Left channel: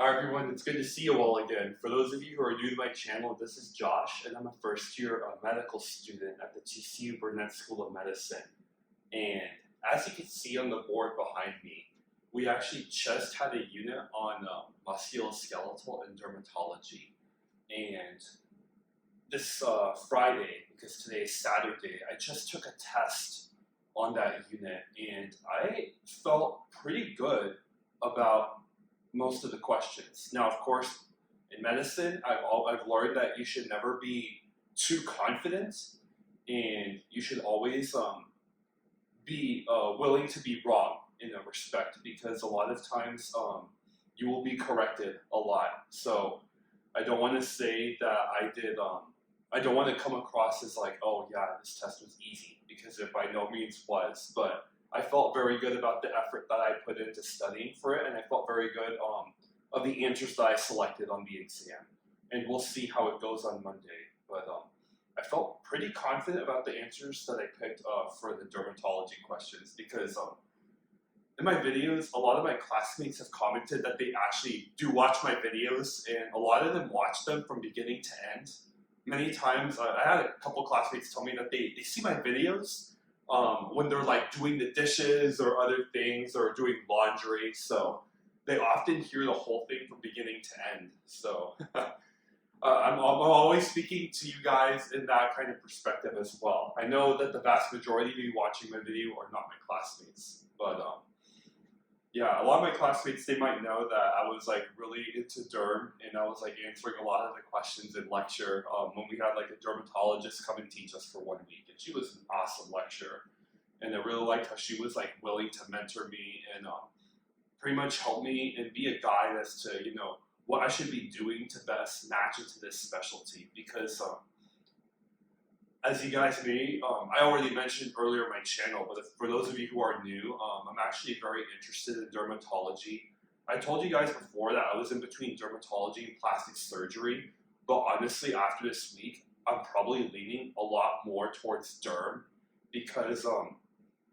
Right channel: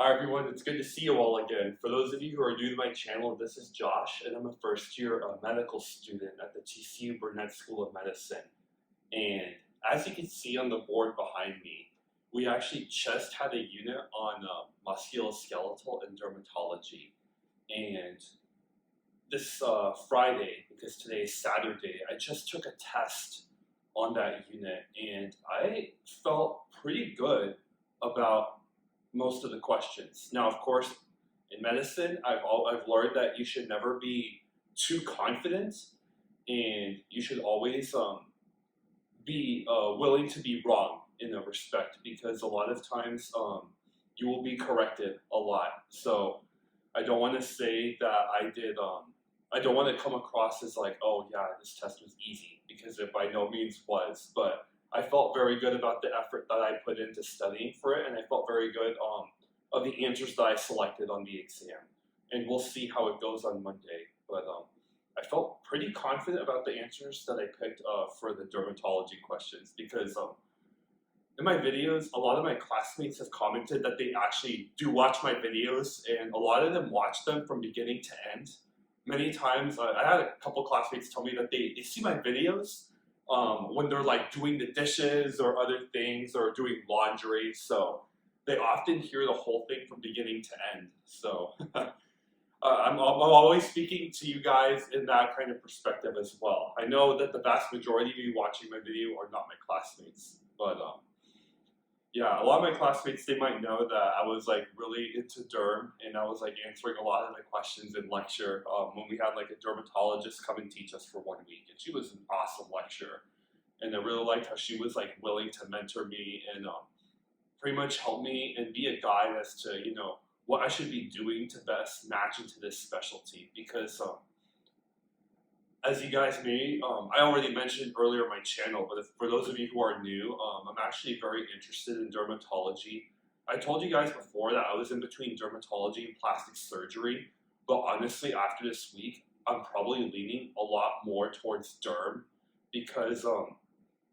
Hi everyone, it's good to see you all again. For those of you who are new to my channel, this is Josh, and I'm a first-year medical student at the TCU Burnett School of Medicine. And as you can see on the board behind me, we actually just had a unit on musculoskeletal and dermatology. And this Friday, because today is Saturday, I just took a test on that unit, and I felt pretty good about most of the questions. Now, of course, in medicine, I've learned that you should never be too confident, and you should always be willing to be wrong in a respect, because a lot of times you will be corrected a lot. So I don't want to say that I did. I don't want to come across as like, oh yeah, this test was easy, because it by no means was. But I felt very good about the effort that I put into studying for it, and I felt very good of the answers that I selected on the exam. And we'll see how it goes on Monday. But I felt pretty confident about the answers that I picked for the dermatology questions, because in my videos, a lot of my classmates have commented that they actually do watch my videos, and a lot of them watch them from beginning to end. Many times, I had a couple classmates tell me that they see my videos when they're like doing the dishes or other things or doing laundry. So they often hear the whole thing from beginning to end. So I'm always speaking to you guys in that kind of perspective as well. I know that the vast majority of you watching my video are not my classmates, but yeah, a lot of my classmates, they might know that I was like really into derm, and I was like answering a lot of the questions in lecture when we had like a dermatologist come and teach us for 1 week, and she was an awesome lecturer, and I really liked how she was like willing to mentor me and pretty much help me and be a guide as to what I should be doing to best match into this specialty, because as you guys may, I already mentioned earlier on my channel, but for those of you who are new, I'm actually very interested in dermatology. I told you guys before that I was in between dermatology and plastic surgery, but honestly, after this week, I'm probably leaning a lot more towards derm, because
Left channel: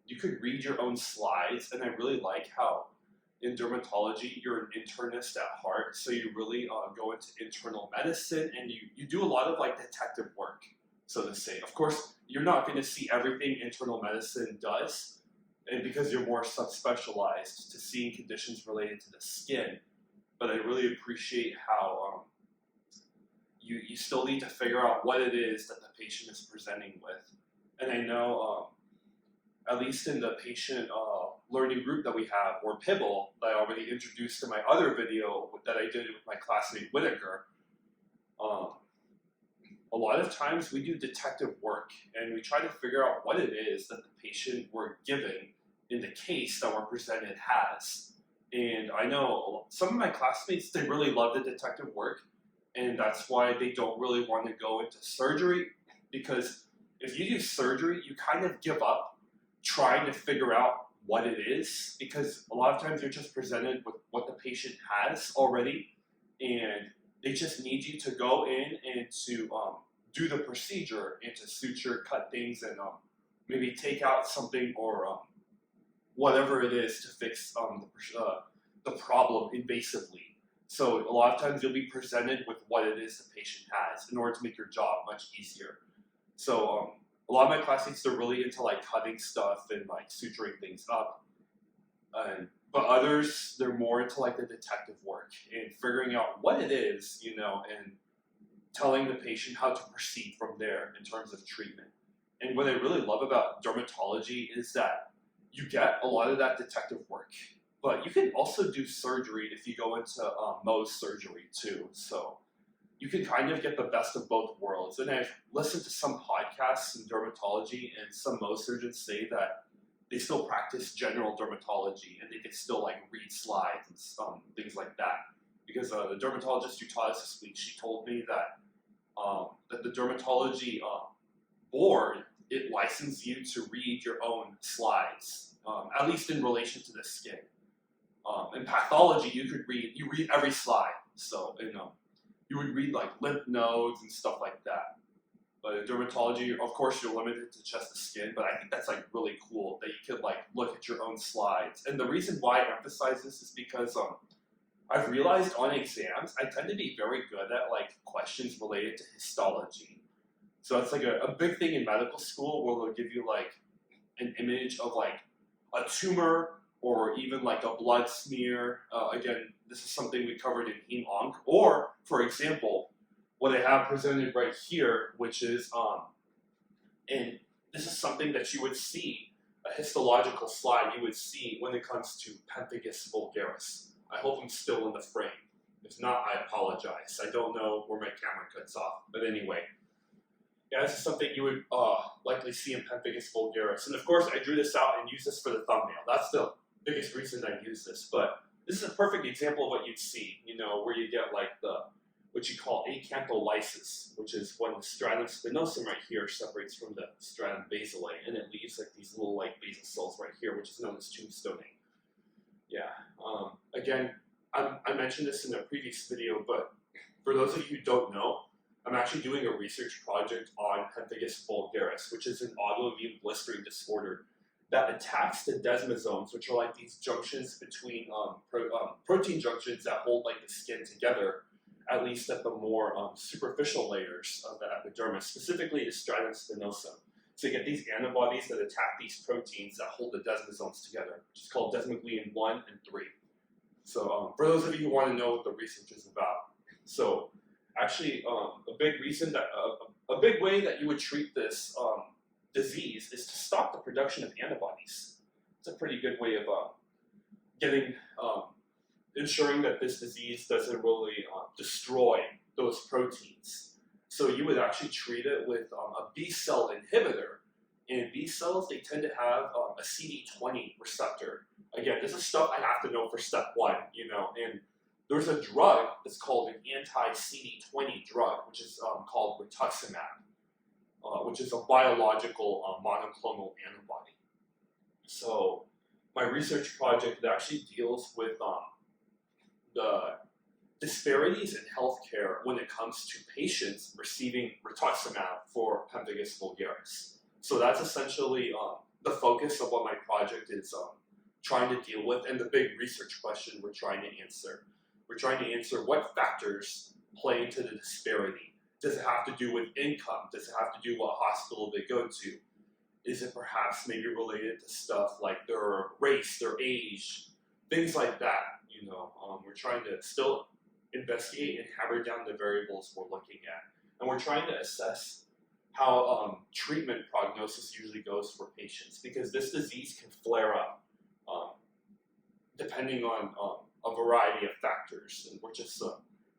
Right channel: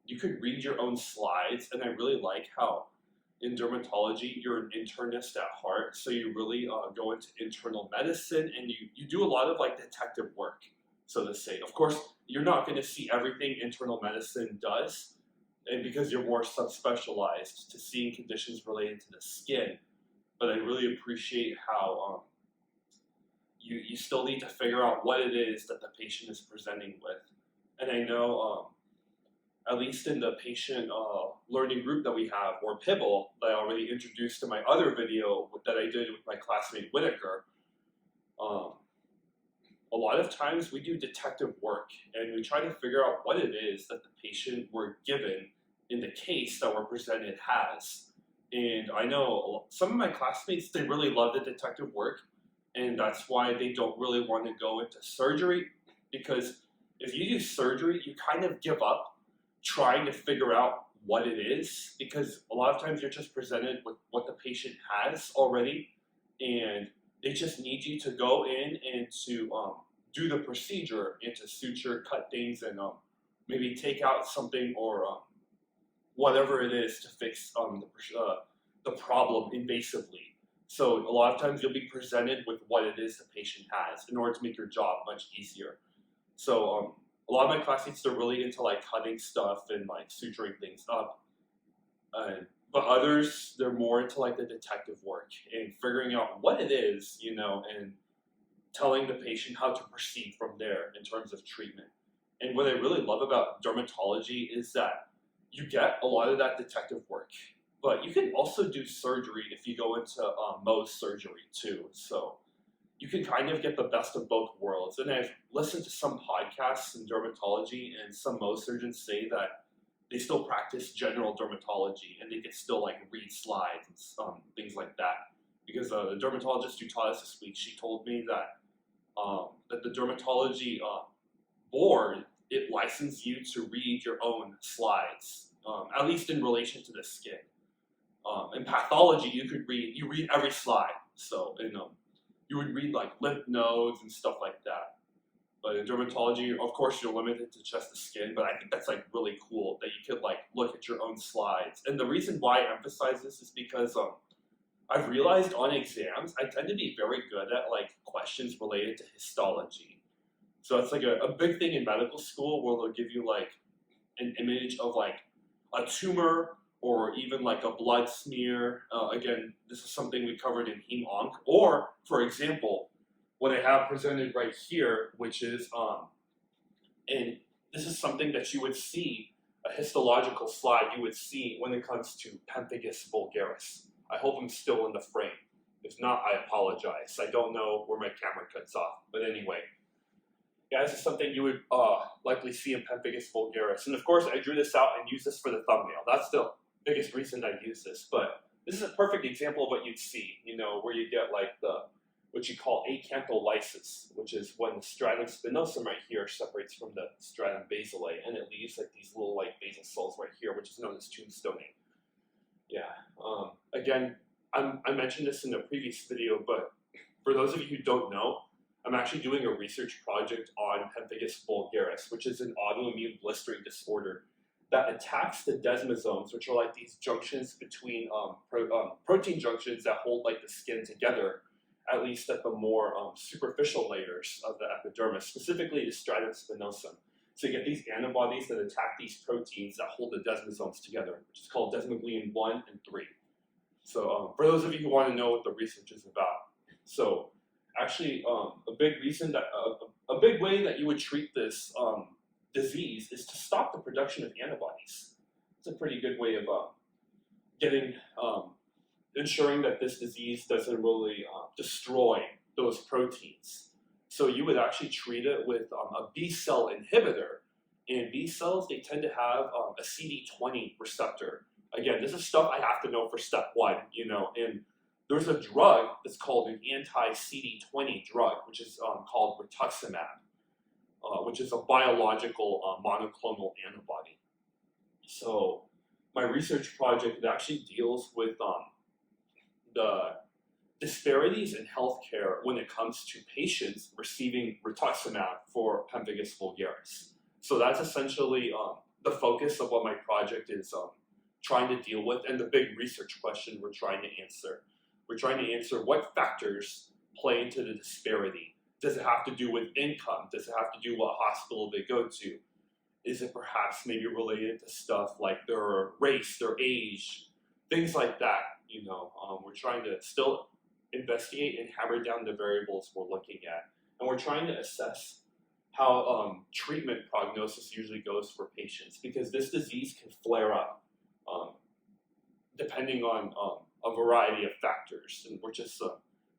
you could read your own slides, and I really like how in dermatology, you're an internist at heart, so you really go into internal medicine, and you do a lot of like detective work, so to say. Of course, you're not going to see everything internal medicine does, and because you're more subspecialized to seeing conditions related to the skin. But I really appreciate how you still need to figure out what it is that the patient is presenting with. And I know, at least in the patient learning group that we have, or PIBBLE, that I already introduced in my other video that I did with my classmate Whitaker, a lot of times we do detective work, and we try to figure out what it is that the patient we're given in the case that we're presented has. And I know some of my classmates, they really love the detective work, and that's why they don't really want to go into surgery, because if you do surgery, you kind of give up trying to figure out what it is, because a lot of times you're just presented with what the patient has already, and they just need you to go in and to do the procedure and to suture, cut things, and maybe take out something, or whatever it is to fix the problem invasively. So a lot of times you'll be presented with what it is the patient has in order to make your job much easier. So a lot of my classmates, they're really into like cutting stuff and like suturing things up. But others, they're more into like the detective work and figuring out what it is, and telling the patient how to proceed from there in terms of treatment. And what I really love about dermatology is that you get a lot of that detective work, but you can also do surgery if you go into Mohs surgery too. So you can kind of get the best of both worlds. And I've listened to some podcasts in dermatology, and some Mohs surgeons say that they still practice general dermatology, and they can still like read slides and things like that. Because the dermatologist who taught us this week, she told me that that the dermatology board, it licenses you to read your own slides, at least in relation to the skin. In pathology, you read every slide. So you would read like lymph nodes and stuff like that. But in dermatology, of course, you're limited to just the skin, but I think that's like really cool that you could like look at your own slides. And the reason why I emphasize this is because I've realized on exams, I tend to be very good at like questions related to histology. So it's like a big thing in medical school where they'll give you like an image of like a tumor or even like a blood smear. Again, this is something we covered in Heme Onc. Or, for example, what I have presented right here, which is, and this is something that you would see, a histological slide you would see when it comes to pemphigus vulgaris. I hope I'm still in the frame. If not, I apologize. I don't know where my camera cuts off. But anyway, yeah, this is something you would likely see in pemphigus vulgaris. And of course, I drew this out and used this for the thumbnail. That's the biggest reason I use this. But this is a perfect example of what you'd see, you know, where you get like what you call acantholysis, which is when the stratum spinosum right here separates from the stratum basale, and it leaves like these little like basal cells right here, which is known as tombstoning. Yeah. Again, I mentioned this in a previous video, but for those of you who don't know, I'm actually doing a research project on pemphigus vulgaris, which is an autoimmune blistering disorder that attacks the desmosomes, which are like these junctions between protein junctions that hold like the skin together, at least at the more superficial layers of the epidermis, specifically the stratum spinosum. So you get these antibodies that attack these proteins that hold the desmosomes together, which is called desmoglein 1 and 3. So for those of you who want to know what the research is about, so actually a big reason that a big way that you would treat this disease is to stop the production of antibodies. It's a pretty good way of ensuring that this disease doesn't really destroy those proteins. So you would actually treat it with a B cell inhibitor. And B cells, they tend to have a CD20 receptor. Again, this is stuff I have to know for step 1, you know, and there's a drug that's called an anti-CD20 drug, which is called rituximab, which is a biological monoclonal antibody. So my research project actually deals with the disparities in healthcare when it comes to patients receiving rituximab for pemphigus vulgaris. So that's essentially the focus of what my project is trying to deal with, and the big research question we're trying to answer. We're trying to answer what factors play into the disparity. Does it have to do with income? Does it have to do what hospital they go to? Is it perhaps maybe related to stuff like their race, their age, things like that? You know, we're trying to still investigate and hammer down the variables we're looking at. And we're trying to assess how treatment prognosis usually goes for patients, because this disease can flare up depending on a variety of factors, and we're just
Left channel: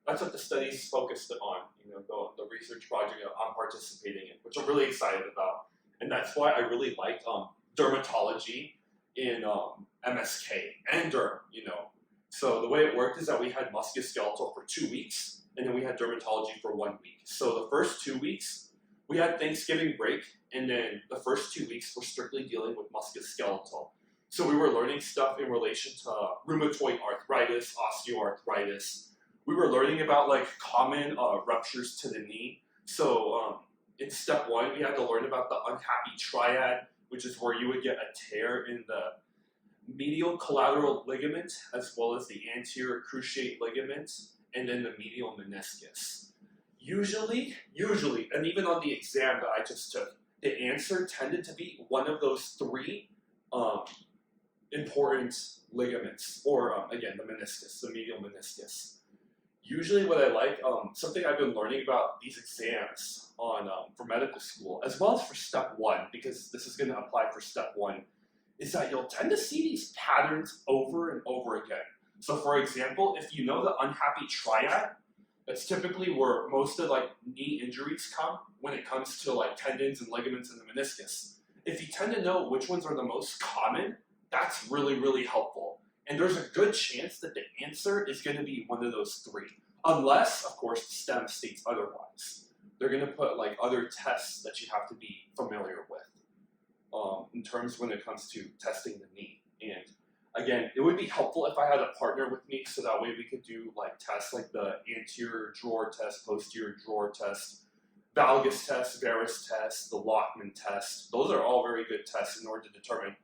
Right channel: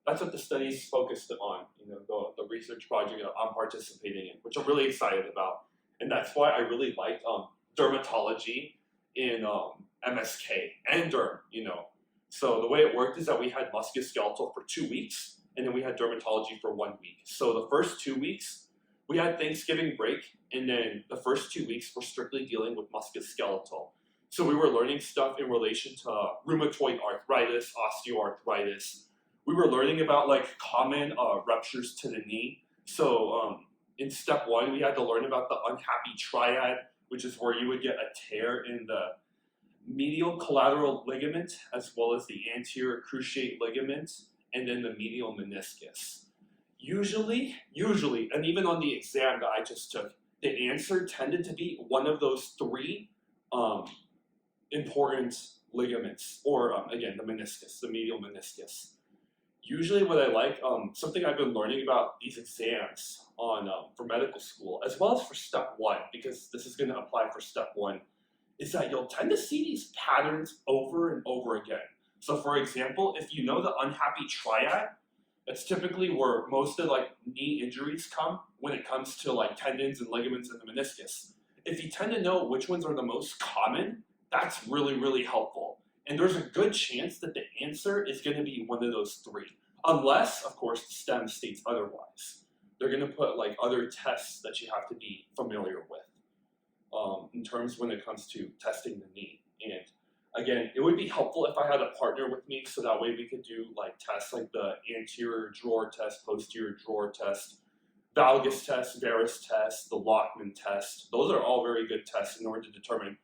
that's what the study's focused on. You know, the research project I'm participating in, which I'm really excited about, and that's why I really like dermatology in MSK and derm. You know, so the way it worked is that we had musculoskeletal for 2 weeks, and then we had dermatology for 1 week. So the first 2 weeks we had Thanksgiving break, and then the first 2 weeks we're strictly dealing with musculoskeletal. So we were learning stuff in relation to rheumatoid arthritis, osteoarthritis. We were learning about like common ruptures to the knee. So in step 1, we had to learn about the unhappy triad, which is where you would get a tear in the medial collateral ligament, as well as the anterior cruciate ligament, and then the medial meniscus. Usually, and even on the exam that I just took, the answer tended to be one of those 3 important ligaments, or again, the meniscus, the medial meniscus. Usually what I like, something I've been learning about these exams on for medical school, as well as for step 1, because this is going to apply for step 1, is that you'll tend to see these patterns over and over again. So for example, if you know the unhappy triad, that's typically where most of like knee injuries come when it comes to like tendons and ligaments in the meniscus. If you tend to know which ones are the most common, that's really, really helpful. And there's a good chance that the answer is going to be one of those 3, unless, of course, the STEM states otherwise. They're going to put like other tests that you have to be familiar with in terms when it comes to testing the knee. And again, it would be helpful if I had a partner with me, so that way we could do like tests like the anterior drawer test, posterior drawer test, valgus test, varus test, the Lockman test. Those are all very good tests in order to determine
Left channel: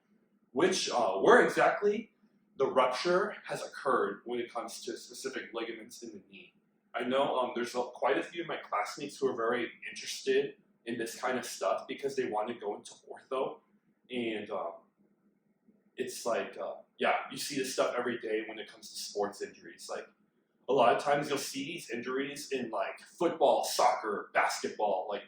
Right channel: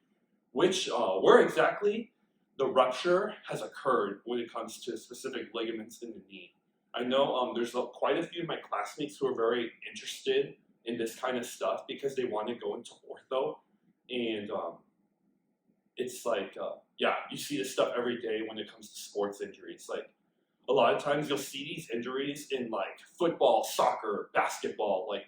where exactly the rupture has occurred when it comes to specific ligaments in the knee. I know there's quite a few of my classmates who are very interested in this kind of stuff because they want to go into ortho, and it's like, yeah, you see this stuff every day when it comes to sports injuries. Like, a lot of times you'll see these injuries in like football, soccer, basketball, like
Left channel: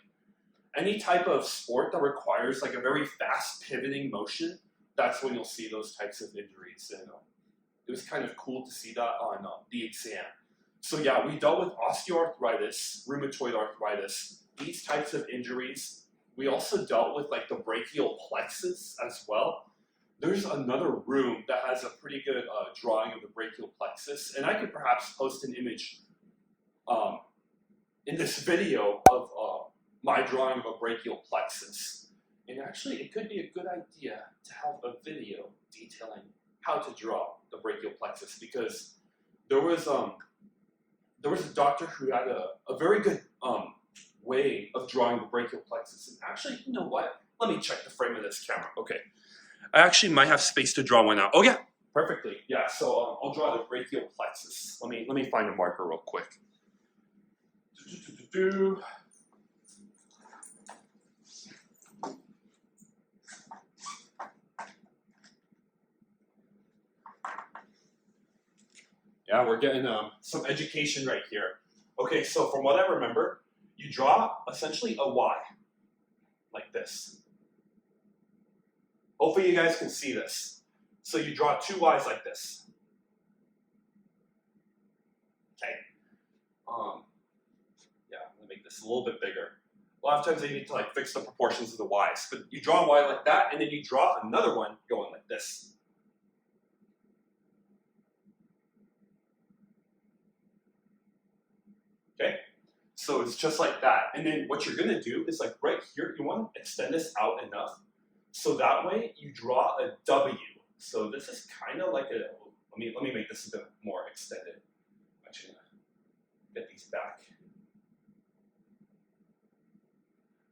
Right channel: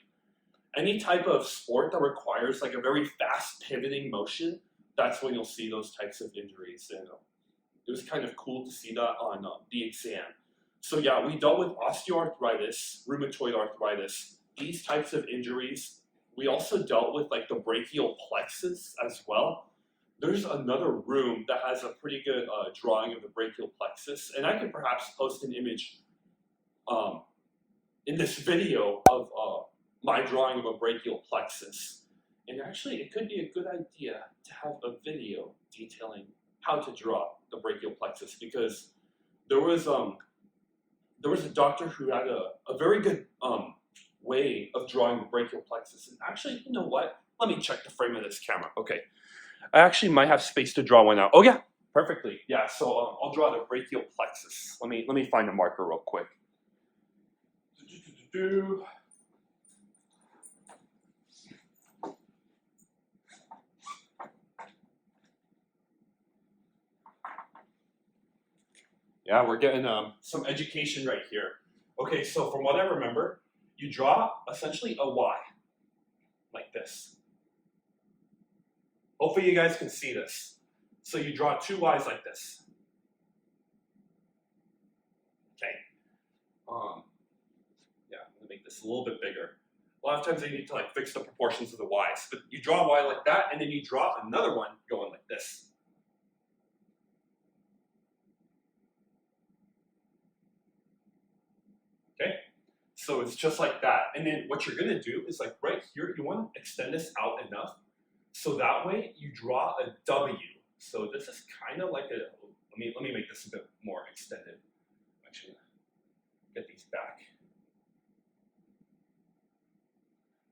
any type of sport that requires like a very fast pivoting motion. That's when you'll see those types of injuries, and it was kind of cool to see that on the exam. So yeah, we dealt with osteoarthritis, rheumatoid arthritis, these types of injuries. We also dealt with like the brachial plexus as well. There's another room that has a pretty good drawing of the brachial plexus, and I could perhaps post an image in this video of my drawing of a brachial plexus. And actually, it could be a good idea to have a video detailing how to draw the brachial plexus, because there was a doctor who had a very good way of drawing the brachial plexus. And actually, you know what? Let me check the frame of this camera. Okay. I actually might have space to draw one out. Oh yeah, perfectly. Yeah, so I'll draw the brachial plexus. Let me find a marker real quick. Yeah, we're getting some education right here. Okay, so from what I remember, you draw essentially a Y, like this. Hopefully you guys can see this. So you draw two Y's like this. Okay. Yeah, I'm gonna make this a little bit bigger. A lot of times they need to like fix the proportions of the Y's, but you draw a Y like that, and then you draw another one going like this. Okay, so it's just like that. And then what you're gonna do is like right here, you want to extend this out enough so that way you draw a W. So this is kind of like a, let me make this a bit more extended. Actually, get these back.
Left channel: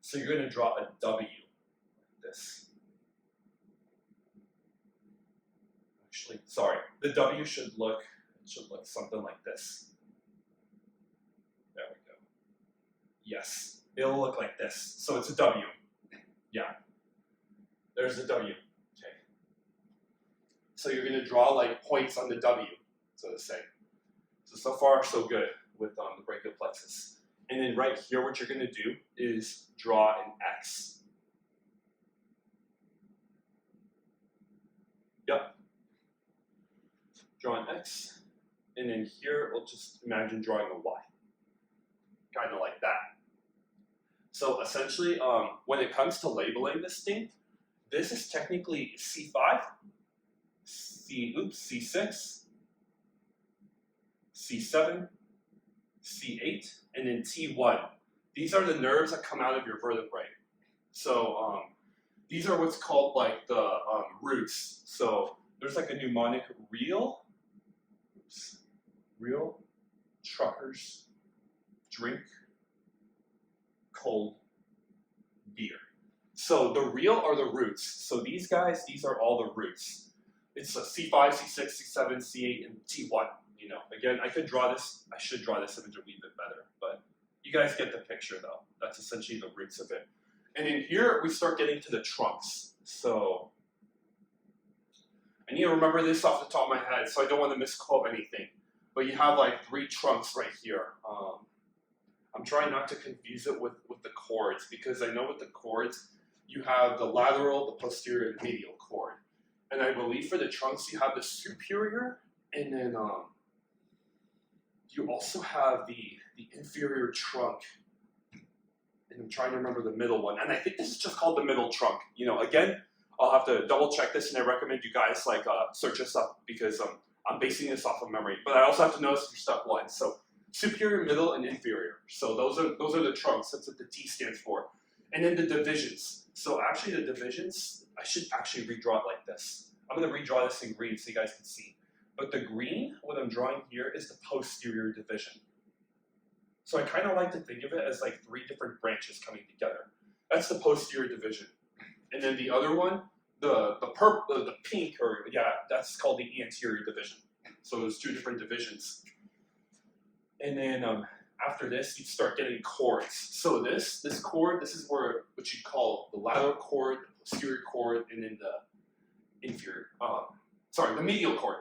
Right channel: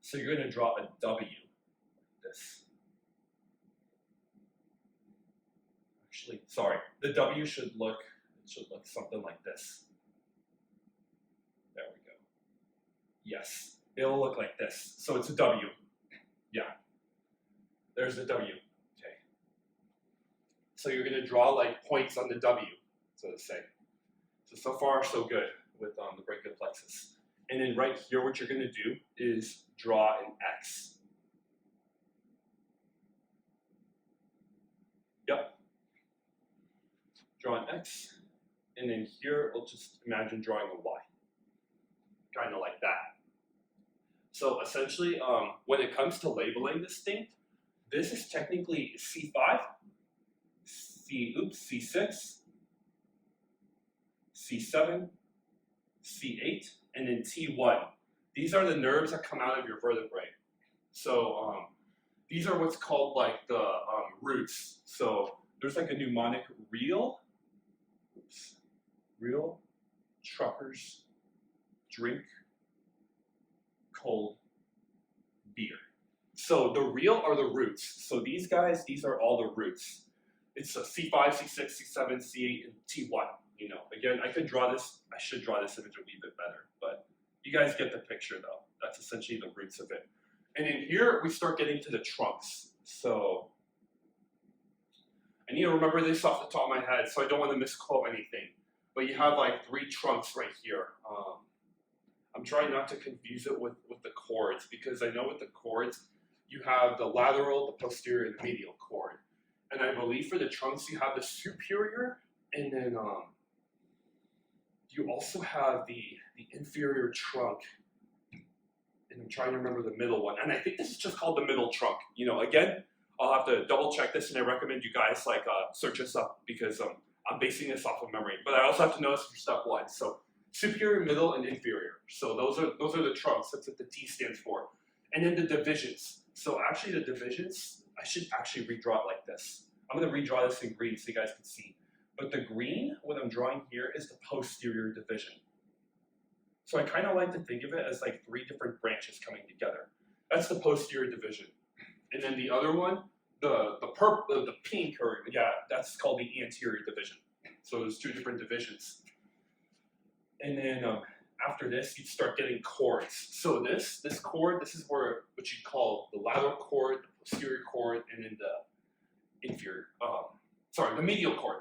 So you're gonna draw a W like this. Actually, sorry, the W should look something like this. There we go. Yes, it'll look like this. So it's a W. Yeah. There's the W. Okay. So you're going to draw like points on the W, so to say. So far, so good with the brachial plexus. And then right here, what you're going to do is draw an X. Yep. Draw an X. And then here, we'll just imagine drawing a Y. Kind of like that. So essentially, when it comes to labeling this thing, this is technically C5, C6, C7, C8, and then T1. These are the nerves that come out of your vertebrae. So these are what's called like the roots. So there's like a mnemonic: real, truckers, drink cold beer. So the real are the roots. So these guys, these are all the roots. It's a C5, C6, C7, C8, and T1. You know, again, I could draw this. I should draw this image a wee bit better, but you guys get the picture though. That's essentially the roots of it. And in here, we start getting to the trunks. So I need to remember this off the top of my head, so I don't want to misquote anything. But you have like 3 trunks right here. I'm trying not to confuse it with the chords, because I know with the chords, you have the lateral, the posterior, and medial chord. And I believe for the trunks, you have the superior, and then you also have the inferior trunk. And I'm trying to remember the middle one. And I think this is just called the middle trunk. You know, again, I'll have to double check this, and I recommend you guys like search this up, because I'm basing this off of memory. But I also have to know this for step 1. So superior, middle, and inferior. So those are the trunks. That's what the T stands for. And then the divisions. So actually the divisions, I should actually redraw it like this. I'm going to redraw this in green so you guys can see. But the green, what I'm drawing here, is the posterior division. So I kind of like to think of it as like 3 different branches coming together. That's the posterior division. And then the other one, the pink, or yeah, that's called the anterior division. So there's two different divisions. And then after this, you start getting cords. So this cord, this is where what you call the lateral cord, the posterior cord, and then the inferior, the medial cord,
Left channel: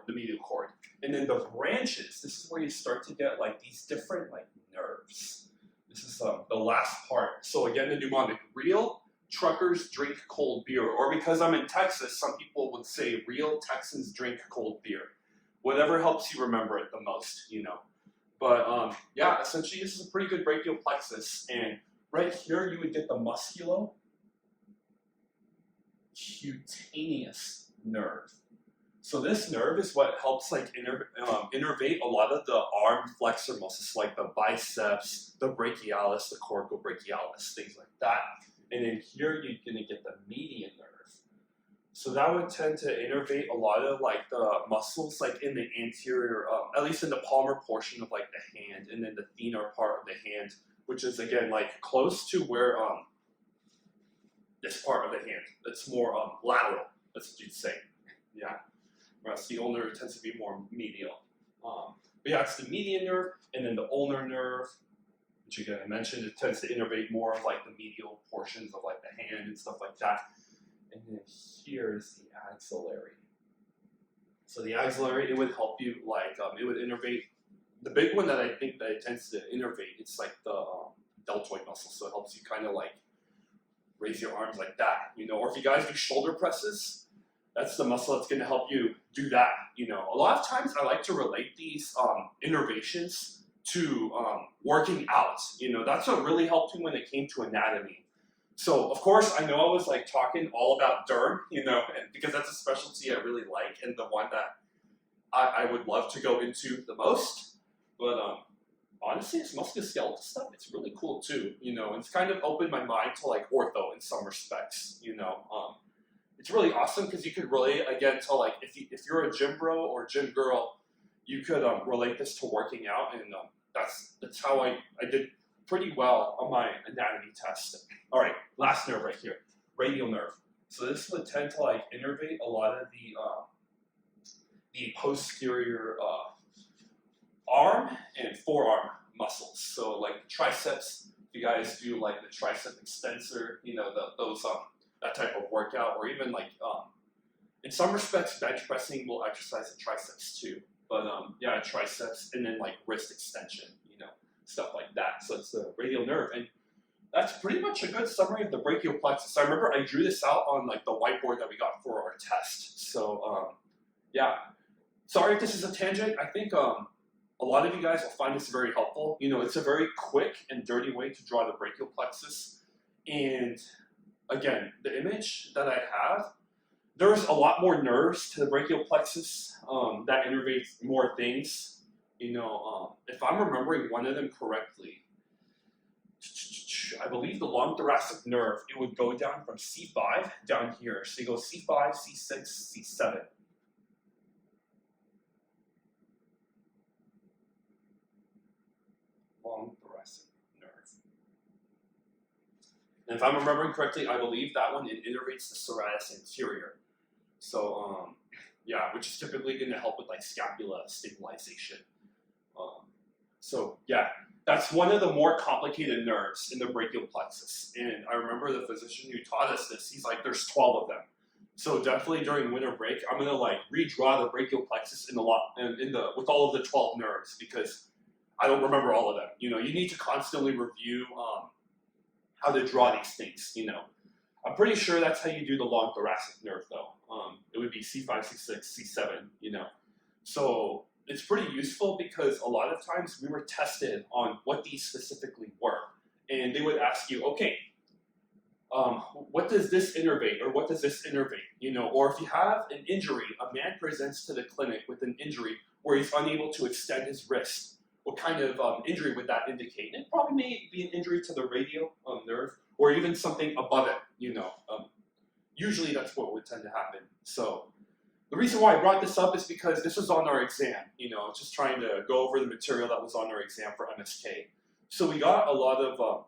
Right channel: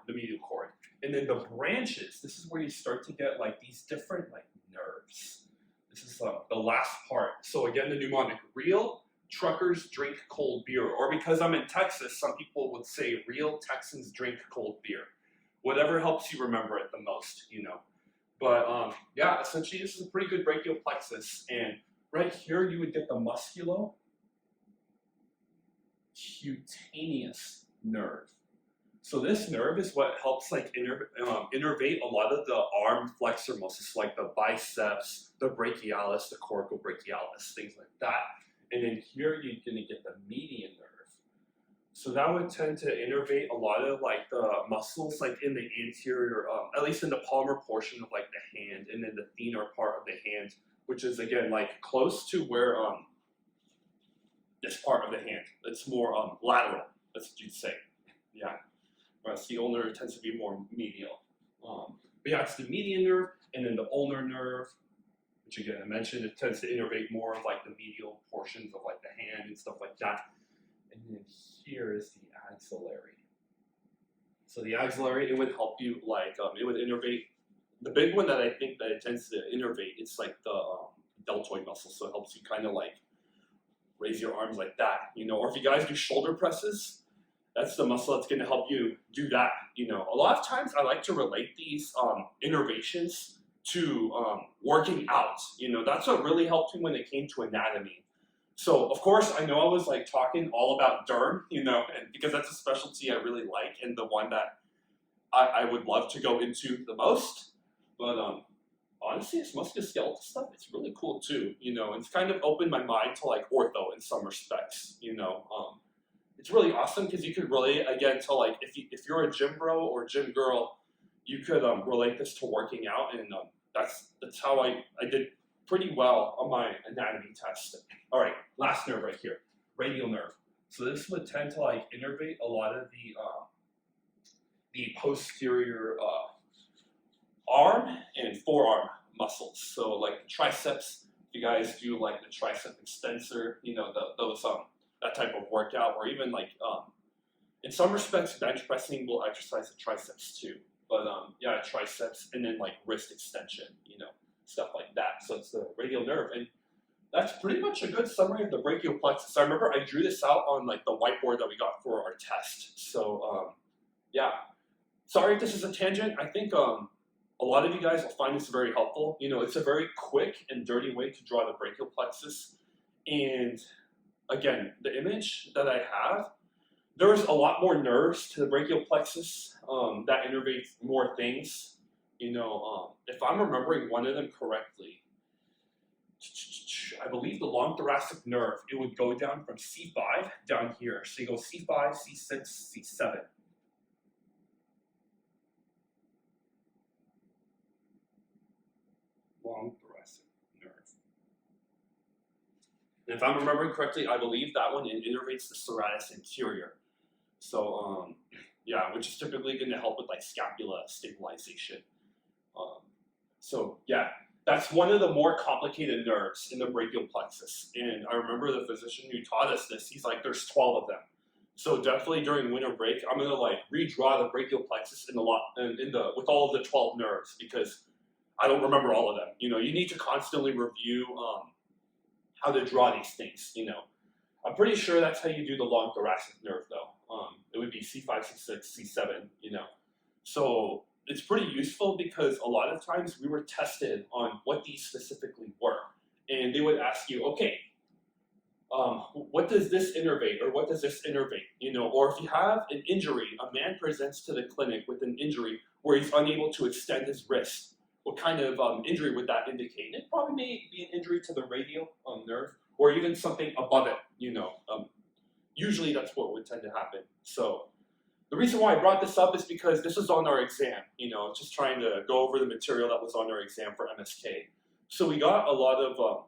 And then the branches, this is where you start to get like these different like nerves. This is the last part. So again, the mnemonic: real truckers drink cold beer. Or because I'm in Texas, some people would say real Texans drink cold beer. Whatever helps you remember it the most, you know. But yeah, essentially this is a pretty good brachial plexus. And right here you would get the musculocutaneous nerve. So this nerve is what helps like innervate a lot of the arm flexor muscles, like the biceps, the brachialis, the coracobrachialis, things like that. And then here you're gonna get the median nerve. So that would tend to innervate a lot of like the muscles like in the anterior, at least in the palmar portion of like the hand, and then the thinner part of the hand, which is again like close to where this part of the hand. It's more lateral, that's what you'd say. Yeah. Whereas the ulnar tends to be more medial. But yeah, it's the median nerve, and then the ulnar nerve, which again I mentioned, it tends to innervate more of like the medial portions of like the hand and stuff like that. And then here is the axillary. So the axillary, it would help you like, it would innervate. The big one that I think that it tends to innervate, it's like the deltoid muscle. So it helps you kind of like raise your arms like that, you know. Or if you guys do shoulder presses, that's the muscle that's going to help you do that, you know. A lot of times I like to relate these innervations to working out, you know. That's what really helped me when it came to anatomy. So of course I know I was like talking all about derm, you know, because that's a specialty I really like and the one that I would love to go into the most. But honestly, this musculoskeletal stuff, it's really cool too, you know. It's kind of opened my mind to like ortho in some respects, you know. It's really awesome because you could relate again to like if you're a gym bro or gym girl, you could relate this to working out, and that's how I did pretty well on my anatomy test. All right, last nerve right here, radial nerve. So this would tend to like innervate a lot of the posterior arm and forearm muscles. So like triceps, if you guys do like the tricep extensor, you know, those that type of workout, or even like in some respects bench pressing will exercise the triceps too. But yeah, triceps, and then like wrist extension, you know, stuff like that. So it's the radial nerve, and that's pretty much a good summary of the brachial plexus. I remember I drew this out on like the whiteboard that we got for our test. So yeah, sorry if this is a tangent. I think a lot of you guys will find this very helpful. You know, it's a very quick and dirty way to draw the brachial plexus. And again, the image that I have, there's a lot more nerves to the brachial plexus that innervate more things. You know, if I'm remembering one of them correctly, I believe the long thoracic nerve, it would go down from C5 down here. So you go C5, C6, C7. Long thoracic nerve. And if I'm remembering correctly, I believe that one innervates the serratus anterior. So yeah, which is typically going to help with like scapula stabilization. So yeah, that's one of the more complicated nerves in the brachial plexus. And I remember the physician who taught us this, he's like, there's 12 of them. So definitely during winter break, I'm gonna like redraw the brachial plexus with all of the 12 nerves, because I don't remember all of them. You know, you need to constantly review how to draw these things, you know. I'm pretty sure that's how you do the long thoracic nerve though. It would be C5, C6, C7, you know. So it's pretty useful because a lot of times we were tested on what these specifically were. And they would ask you, okay, what does this innervate, or what does this innervate? You know, or if you have an injury, a man presents to the clinic with an injury where he's unable to extend his wrist. What kind of injury would that indicate? And it probably may be an injury to the radial nerve, or even something above it, you know. Usually that's what would tend to happen. So the reason why I brought this up is because this was on our exam, you know, just trying to go over the material that was on our exam for MSK. So we got a lot of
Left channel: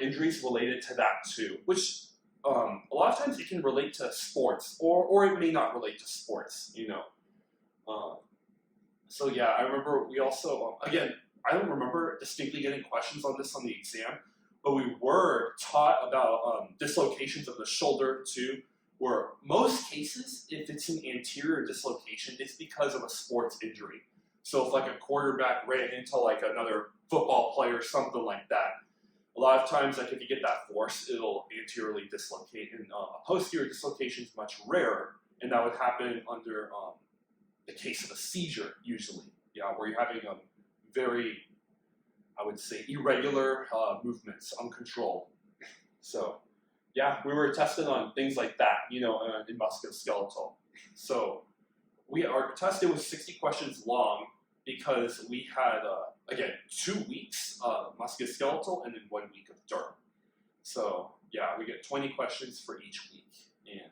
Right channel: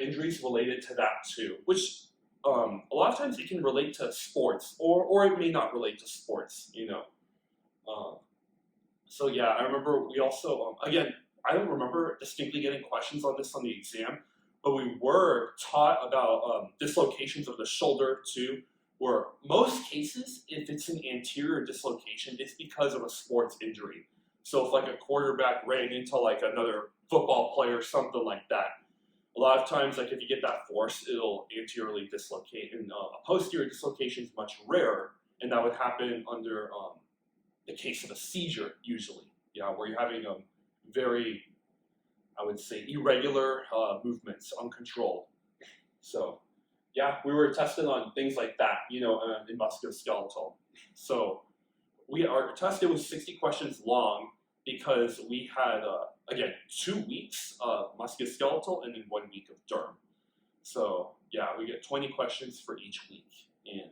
injuries related to that too, which a lot of times it can relate to sports, or it may not relate to sports, you know. Um, so yeah, I remember we also, again, I don't remember distinctly getting questions on this on the exam, but we were taught about dislocations of the shoulder too, where most cases, if it's an anterior dislocation, it's because of a sports injury. So if like a quarterback ran into like another football player or something like that, a lot of times, like if you get that force, it'll anteriorly dislocate, and a posterior dislocation is much rarer, and that would happen under the case of a seizure usually, yeah, where you're having very, I would say, irregular movements, uncontrolled. So yeah, we were tested on things like that, you know, in musculoskeletal. So our test, it was 60 questions long because we had, again, 2 weeks musculoskeletal and then 1 week of derm. So yeah, we get 20 questions for each week. And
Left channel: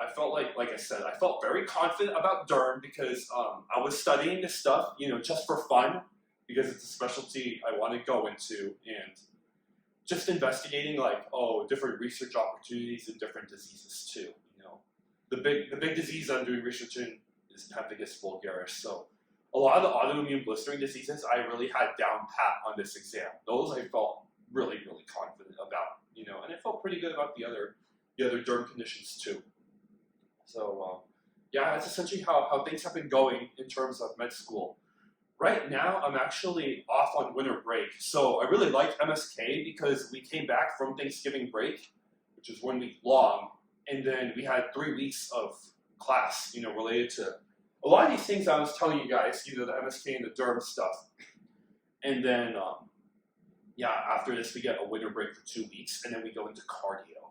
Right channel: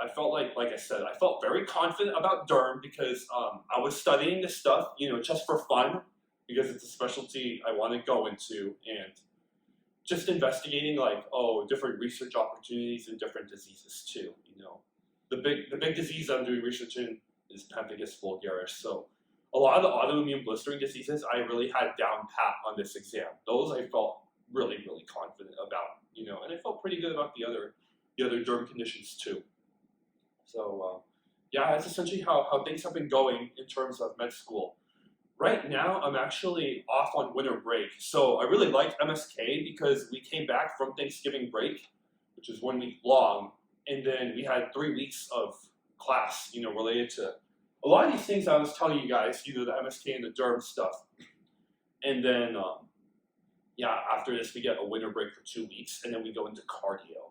I felt like I said, I felt very confident about derm because I was studying this stuff, you know, just for fun, because it's a specialty I want to go into, and just investigating like, different research opportunities in different diseases too, you know. The big disease I'm doing research in is pemphigus vulgaris. So a lot of the autoimmune blistering diseases I really had down pat on this exam. Those I felt really, really confident about, you know, and I felt pretty good about the other derm conditions too. So yeah, that's essentially how things have been going in terms of med school. Right now, I'm actually off on winter break. So I really liked MSK because we came back from Thanksgiving break, which is 1 week long, and then we had 3 weeks of class, you know, related to a lot of these things I was telling you guys, you know, the MSK and the derm stuff. And then, yeah, after this, we get a winter break for 2 weeks, and then we go into cardio.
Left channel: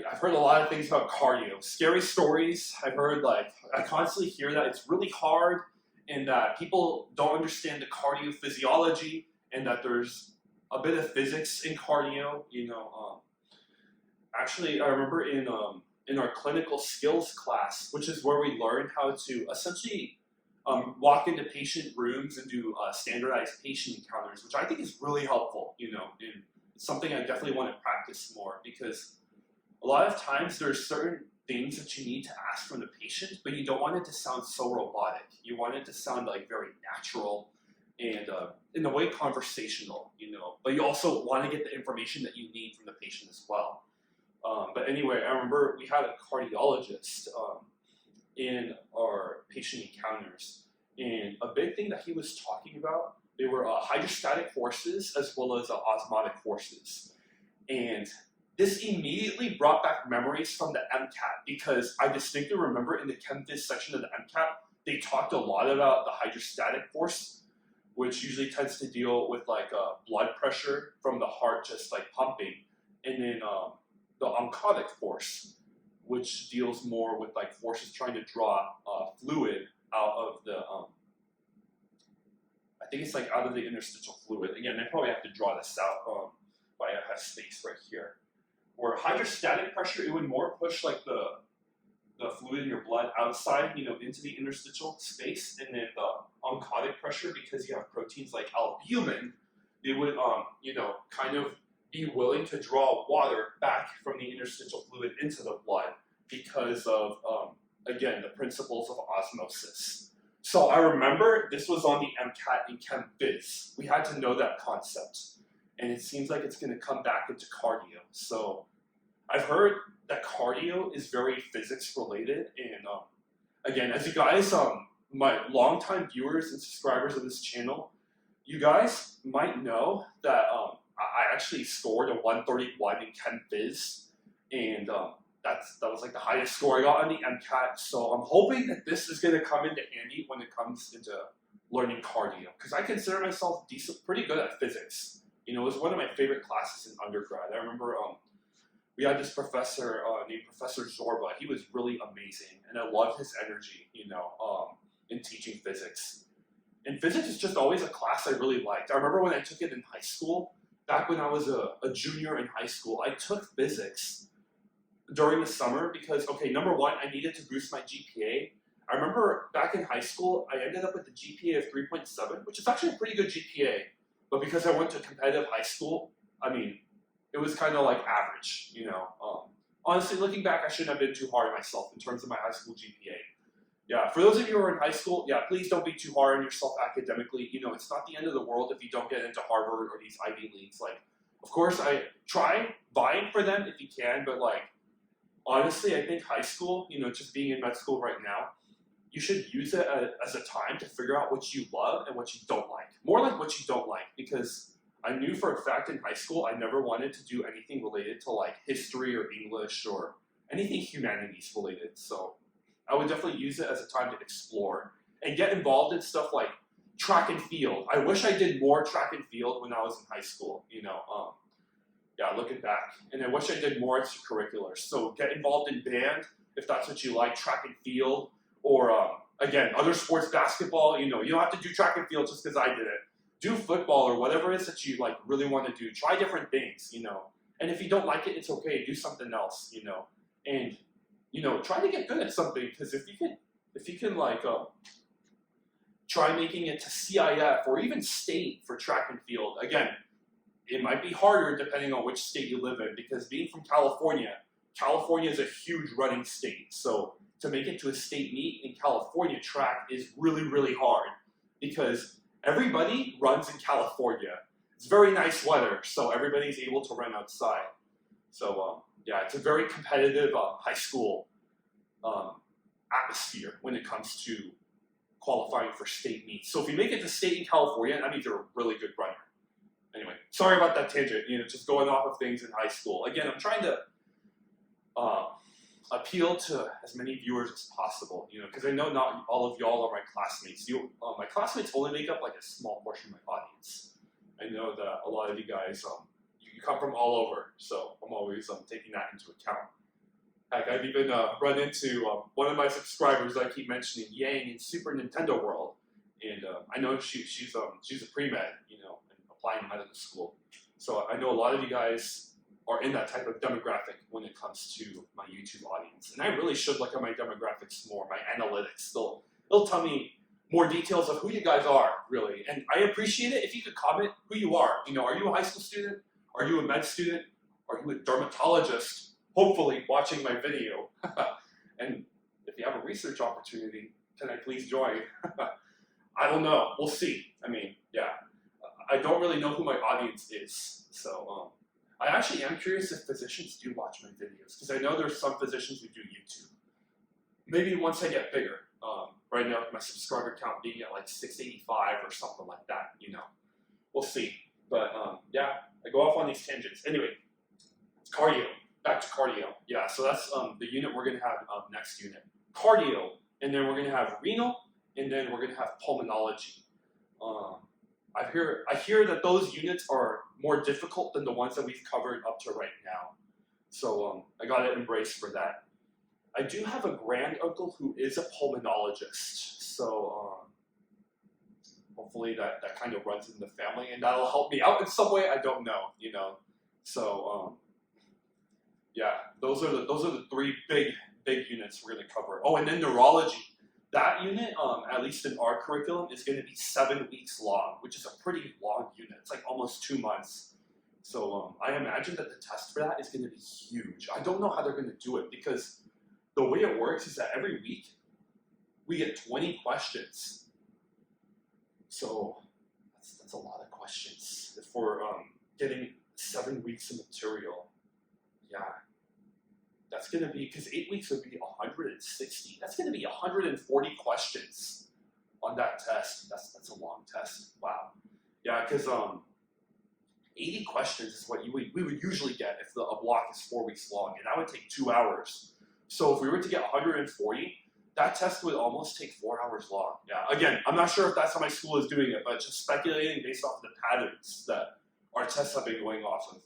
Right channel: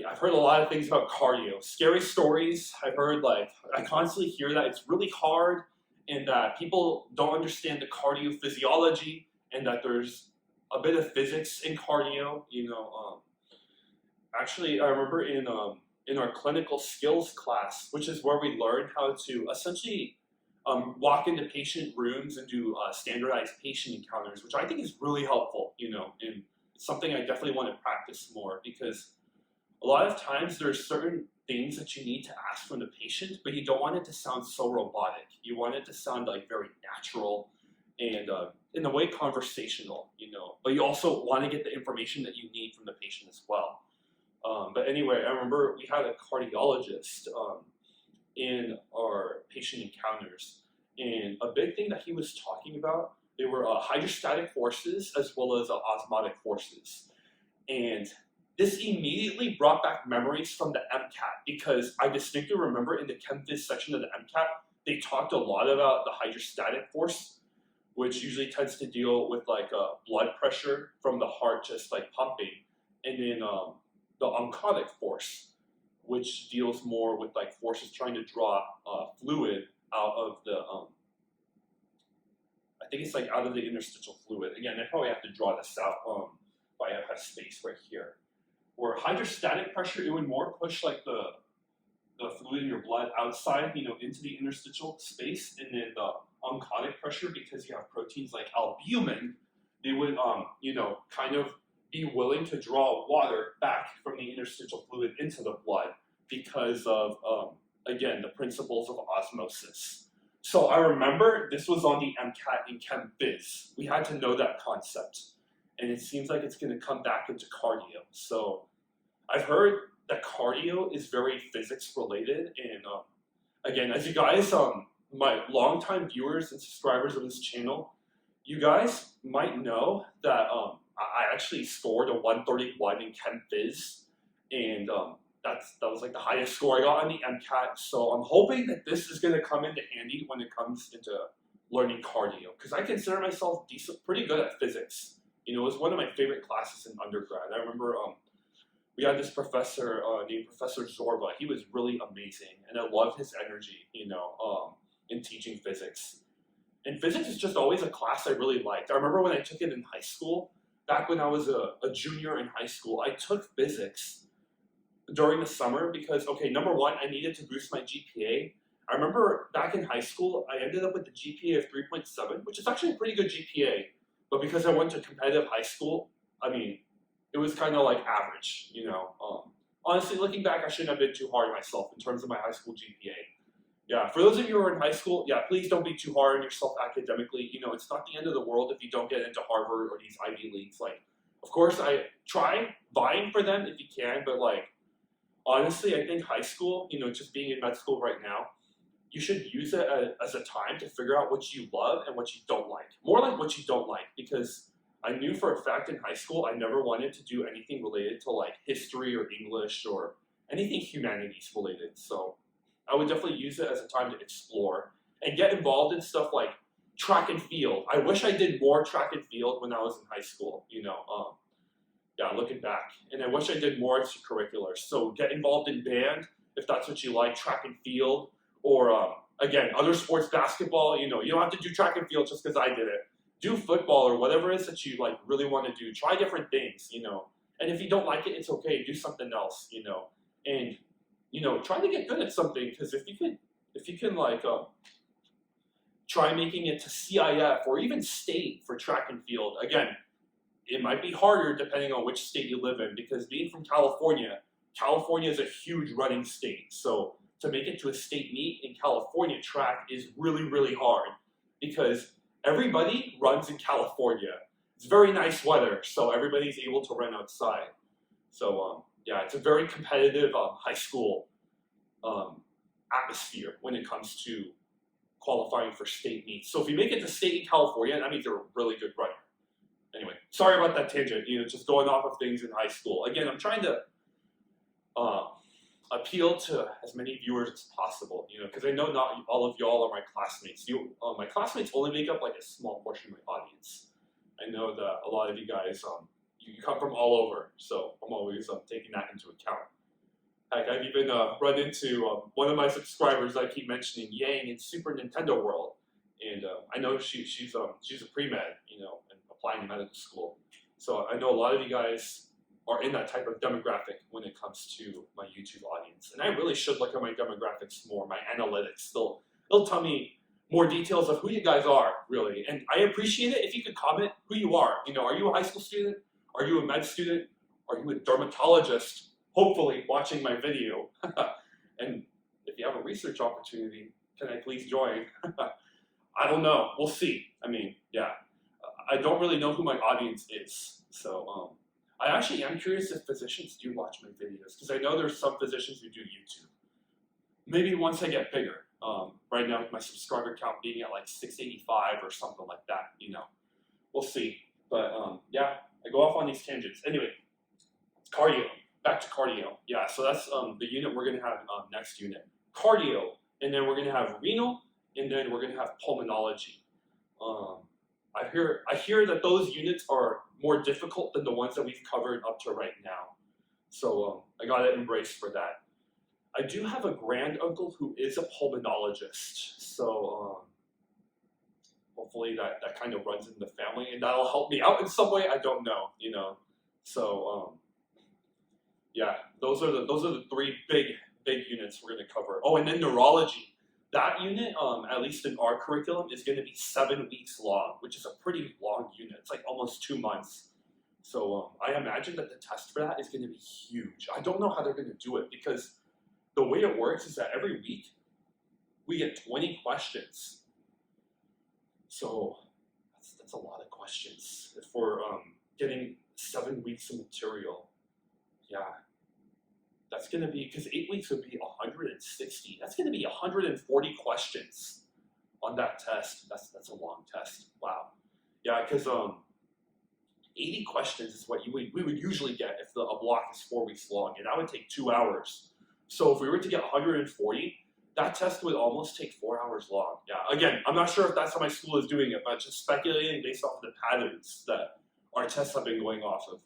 Yeah, I've heard a lot of things about cardio. Scary stories. I've heard, like, I constantly hear that it's really hard and that people don't understand the cardio physiology and that there's a bit of physics in cardio, you know. Actually, I remember in our clinical skills class, which is where we learn how to essentially walk into patient rooms and do standardized patient encounters, which I think is really helpful, you know, and it's something I definitely want to practice more because a lot of times there's certain things that you need to ask from the patient, but you don't want it to sound so robotic. You want it to sound like very natural and in a way conversational, you know, but you also want to get the information that you need from the patient as well. But anyway, I remember we had a cardiologist in our patient encounters, and a big thing that he was talking about, they were hydrostatic forces as well as osmotic forces. And this immediately brought back memories from the MCAT because I distinctly remember in the Chem Phys section of the MCAT, they talked a lot about the hydrostatic force, which usually tends to deal with like blood pressure from the heart just like pumping, and then the oncotic force, which deals more with like forces trying to draw fluid out of the, I think it's like out of the interstitial fluid. Again, I probably have to draw this out, but I have space right here. Where hydrostatic pressure, it would more push like the fluid in your blood outside, you know, into the interstitial space, and then the oncotic pressure, because you have proteins like albumin, they would, you know, kind of be willing to draw water back from the interstitial fluid into the blood because of, again, the principles of osmosis. So I remember this was on the MCAT in Chem Phys. We had to know that concept. And it seems like it's going to come back into cardio. So I've heard that cardio is very physics related. And again, as you guys, my longtime viewers and subscribers of this channel, you guys might know that I actually scored a 131 in Chem Phys. And that was like the highest score I got on the MCAT. So I'm hoping that this is going to come into handy when it comes into learning cardio. Because I consider myself pretty good at physics. You know, it was one of my favorite classes in undergrad. I remember we had this professor named Professor Zorba. He was really amazing, and I loved his energy, you know, in teaching physics. And physics is just always a class I really liked. I remember when I took it in high school, back when I was a junior in high school, I took physics during the summer because, okay, number one, I needed to boost my GPA. I remember back in high school, I ended up with a GPA of 3.7, which is actually a pretty good GPA. But because I went to competitive high school, I mean, it was kind of like average, you know. Honestly, looking back, I shouldn't have been too hard on myself in terms of my high school GPA. Yeah, for those of you who are in high school, yeah, please don't be too hard on yourself academically. You know, it's not the end of the world if you don't get into Harvard or these Ivy Leagues. Like, of course, I try vying for them if you can, but like, honestly, I think high school, you know, just being in med school right now, you should use it as a time to figure out what you love and what you don't like. More like what you don't like, because I knew for a fact in high school I never wanted to do anything related to like history or English or anything humanities related. So I would definitely use it as a time to explore and get involved in stuff like track and field. I wish I did more track and field when I was in high school, you know. Yeah, looking back. And I wish I did more extracurriculars. So get involved in band if that's what you like, track and field, or again, other sports, basketball. You know, you don't have to do track and field just because I did it. Do football or whatever it is that you like really want to do. Try different things, you know. And if you don't like it, it's okay. Do something else, you know. And you know, try to get good at something, because if you can like try making it to CIF or even state for track and field. Again, it might be harder depending on which state you live in, because being from California, California is a huge running state. So to make it to a state meet in California track is really, really hard, because everybody runs in California. It's very nice weather, so everybody's able to run outside. So yeah, it's a very competitive high school atmosphere when it comes to qualifying for state meets. So if you make it to state in California, that means you're a really good runner. Anyway, sorry about that tangent, you know, just going off of things in high school. Again, I'm trying to appeal to as many viewers as possible, you know, because I know not all of y'all are my classmates. My classmates only make up like a small portion of my audience. I know that a lot of you guys, you come from all over, so I'm always taking that into account. Heck, I've even run into one of my subscribers I keep mentioning, Yang, in Super Nintendo World, and I know she's a pre-med, you know, and applying to medical school. So I know a lot of you guys are in that type of demographic when it comes to my YouTube audience, and I really should look at my demographics more, my analytics. They'll tell me more details of who you guys are, really, and I appreciate it if you could comment who you are. You know, are you a high school student? Are you a med student? Are you a dermatologist? Hopefully watching my video. And if you have a research opportunity, can I please join? I don't know. We'll see. I mean, yeah. I don't really know who my audience is. So I actually am curious if physicians do watch my videos, because I know there's some physicians who do YouTube. Maybe once I get bigger. Right now, with my subscriber count being at like 685 or something like that, you know. We'll see. But yeah, I go off on these tangents. Anyway, cardio. Back to cardio. Yeah, so that's the unit we're going to have next unit. Cardio, and then we're going to have renal, and then we're going to have pulmonology. I hear that those units are more difficult than the ones that we've covered up to right now. So I got to embrace for that. I do have a grand uncle who is a pulmonologist. So hopefully that kind of runs in the family, and that'll help me out in some way. I don't know, you know. So yeah, those are the three big units we're going to cover. Oh, and then neurology. That unit, at least in our curriculum, is going to be 7 weeks long, which is a pretty long unit. It's like almost 2 months. So I imagine that the test for that is going to be huge. I don't know how they're going to do it, because the way it works is that every week we get 20 questions. So that's a lot of questions for getting 7 weeks of material. Yeah. That's going to be, because 8 weeks would be 160. That's going to be 140 questions on that test. That's a long test. Wow. Yeah, because 80 questions is what we would usually get if a block is 4 weeks long, and that would take 2 hours. So if we were to get 140, that test would almost take 4 hours long. Yeah, again, I'm not sure if that's how my school is doing it, but just speculating based off of the patterns that our tests have been going off of.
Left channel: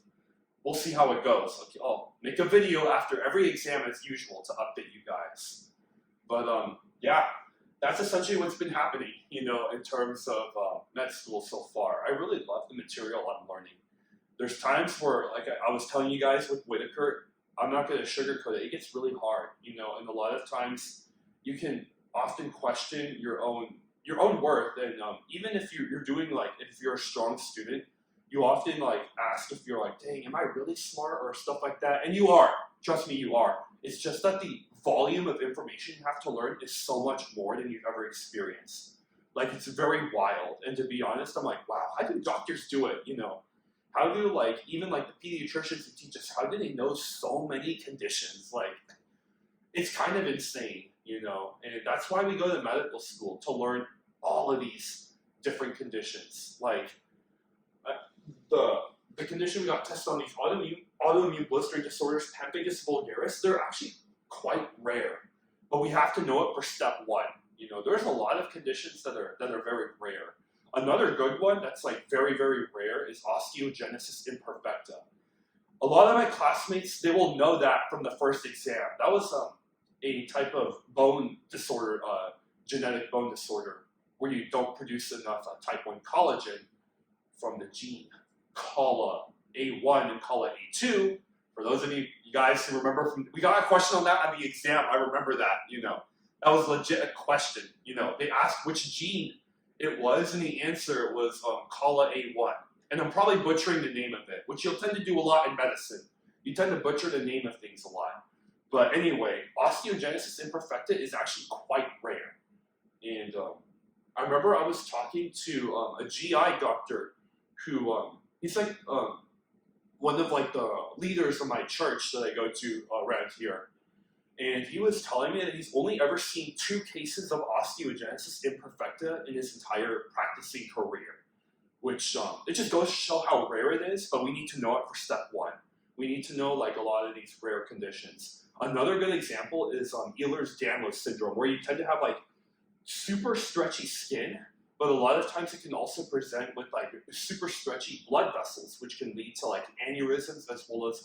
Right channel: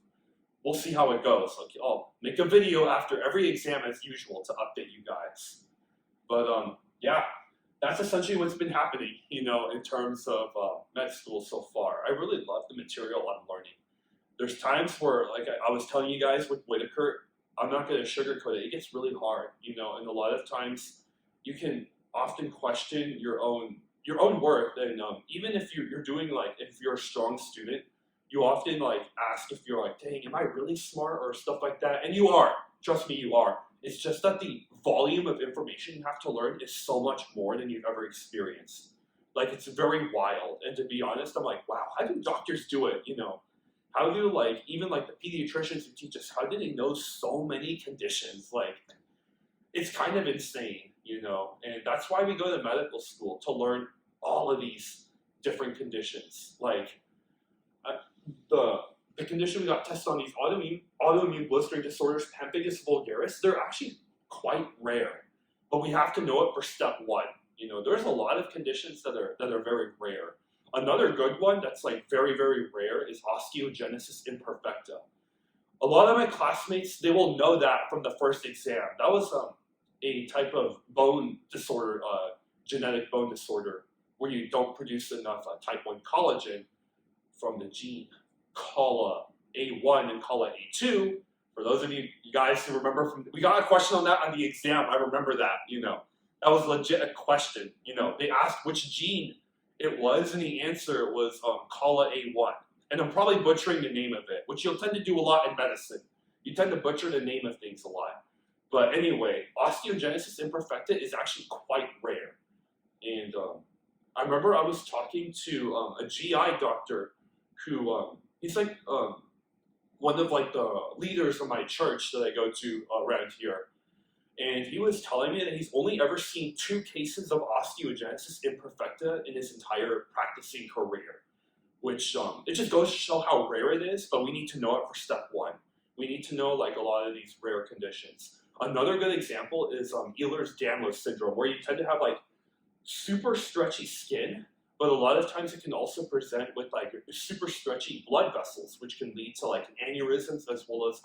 We'll see how it goes. Okay, I'll make a video after every exam as usual to update you guys. But yeah, that's essentially what's been happening, you know, in terms of med school so far. I really love the material I'm learning. There's times where, like I was telling you guys with Whitaker, I'm not going to sugarcoat it. It gets really hard, you know, and a lot of times you can often question your own worth. And even if you're doing, like, if you're a strong student, you often like ask if you're like, dang, am I really smart or stuff like that? And you are. Trust me, you are. It's just that the volume of information you have to learn is so much more than you've ever experienced. Like, it's very wild. And to be honest, I'm like, wow, how do doctors do it? You know, how do like even like the pediatricians who teach us, how do they know so many conditions? Like, it's kind of insane, you know. And that's why we go to medical school, to learn all of these different conditions. Like, the condition we got tested on, these autoimmune blistering disorders, pemphigus vulgaris, they're actually quite rare, but we have to know it for step one. You know, there's a lot of conditions that are very rare. Another good one that's like very, very rare is osteogenesis imperfecta. A lot of my classmates, they will know that from the first exam. That was a type of bone disorder, genetic bone disorder, where you don't produce enough type 1 collagen from the gene Colla A1 and Colla A2. For those of you guys who remember, we got a question on that on the exam. I remember that, you know. That was legit a question. You know, they asked which gene it was, and the answer was Colla A1. And I'm probably butchering the name of it, which you'll tend to do a lot in medicine. You tend to butcher the name of things a lot. But anyway, osteogenesis imperfecta is actually quite rare. And I remember I was talking to a GI doctor who, he's like one of like the leaders of my church that I go to around here. And he was telling me that he's only ever seen 2 cases of osteogenesis imperfecta in his entire practicing career, which it just goes to show how rare it is, but we need to know it for step 1. We need to know like a lot of these rare conditions. Another good example is Ehlers-Danlos syndrome, where you tend to have like super stretchy skin, but a lot of times it can also present with like super stretchy blood vessels, which can lead to like aneurysms as well as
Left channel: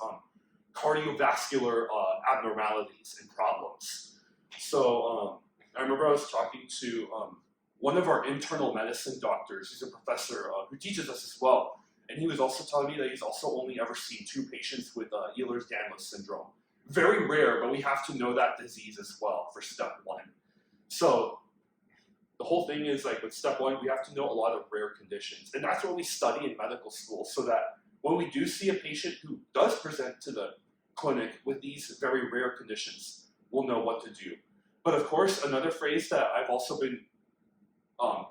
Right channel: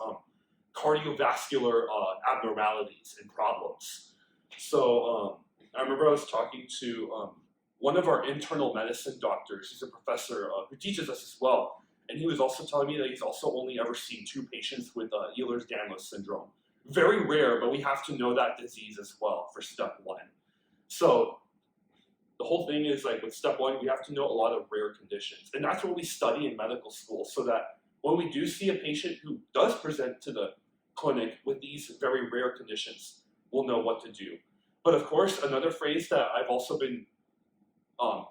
cardiovascular abnormalities and problems. So I remember I was talking to one of our internal medicine doctors. He's a professor who teaches us as well. And he was also telling me that he's also only ever seen 2 patients with Ehlers-Danlos syndrome. Very rare, but we have to know that disease as well for step 1. So the whole thing is like with step 1, we have to know a lot of rare conditions. And that's what we study in medical school, so that when we do see a patient who does present to the clinic with these very rare conditions, we'll know what to do. But of course, another phrase that I've also been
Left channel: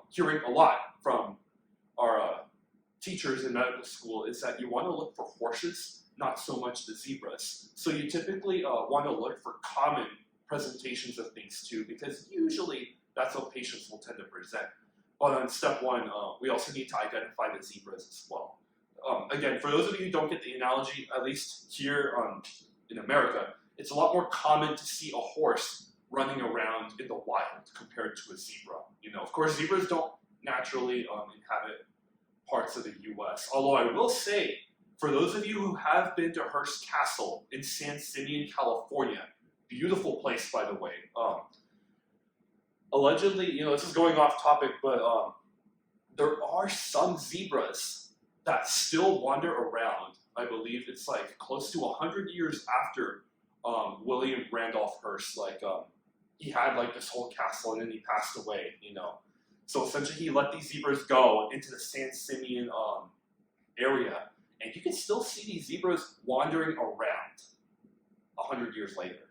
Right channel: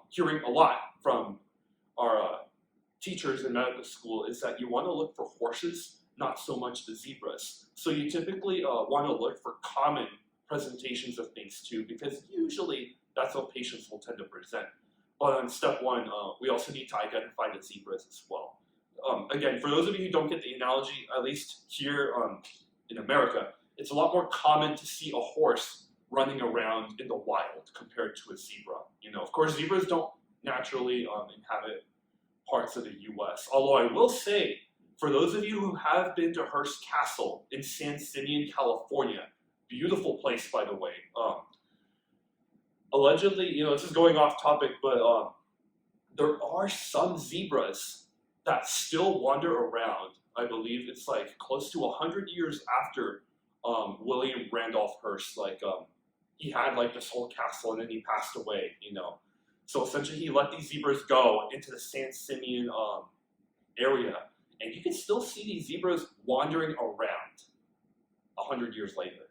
hearing a lot from our teachers in medical school is that you want to look for horses, not so much the zebras. So you typically want to look for common presentations of things too, because usually that's how patients will tend to present. But on step 1, we also need to identify the zebras as well. Again, for those of you who don't get the analogy, at least here in America, it's a lot more common to see a horse running around in the wild compared to a zebra. You know, of course, zebras don't naturally inhabit parts of the U.S. Although I will say, for those of you who have been to Hearst Castle in San Simeon, California, beautiful place, by the way. Allegedly, you know, this is going off topic, but there are some zebras that still wander around. I believe it's like close to 100 years after William Randolph Hearst. Like he had like this whole castle and then he passed away, you know. So essentially he let these zebras go into the San Simeon area, and you can still see these zebras wandering around 100 years later,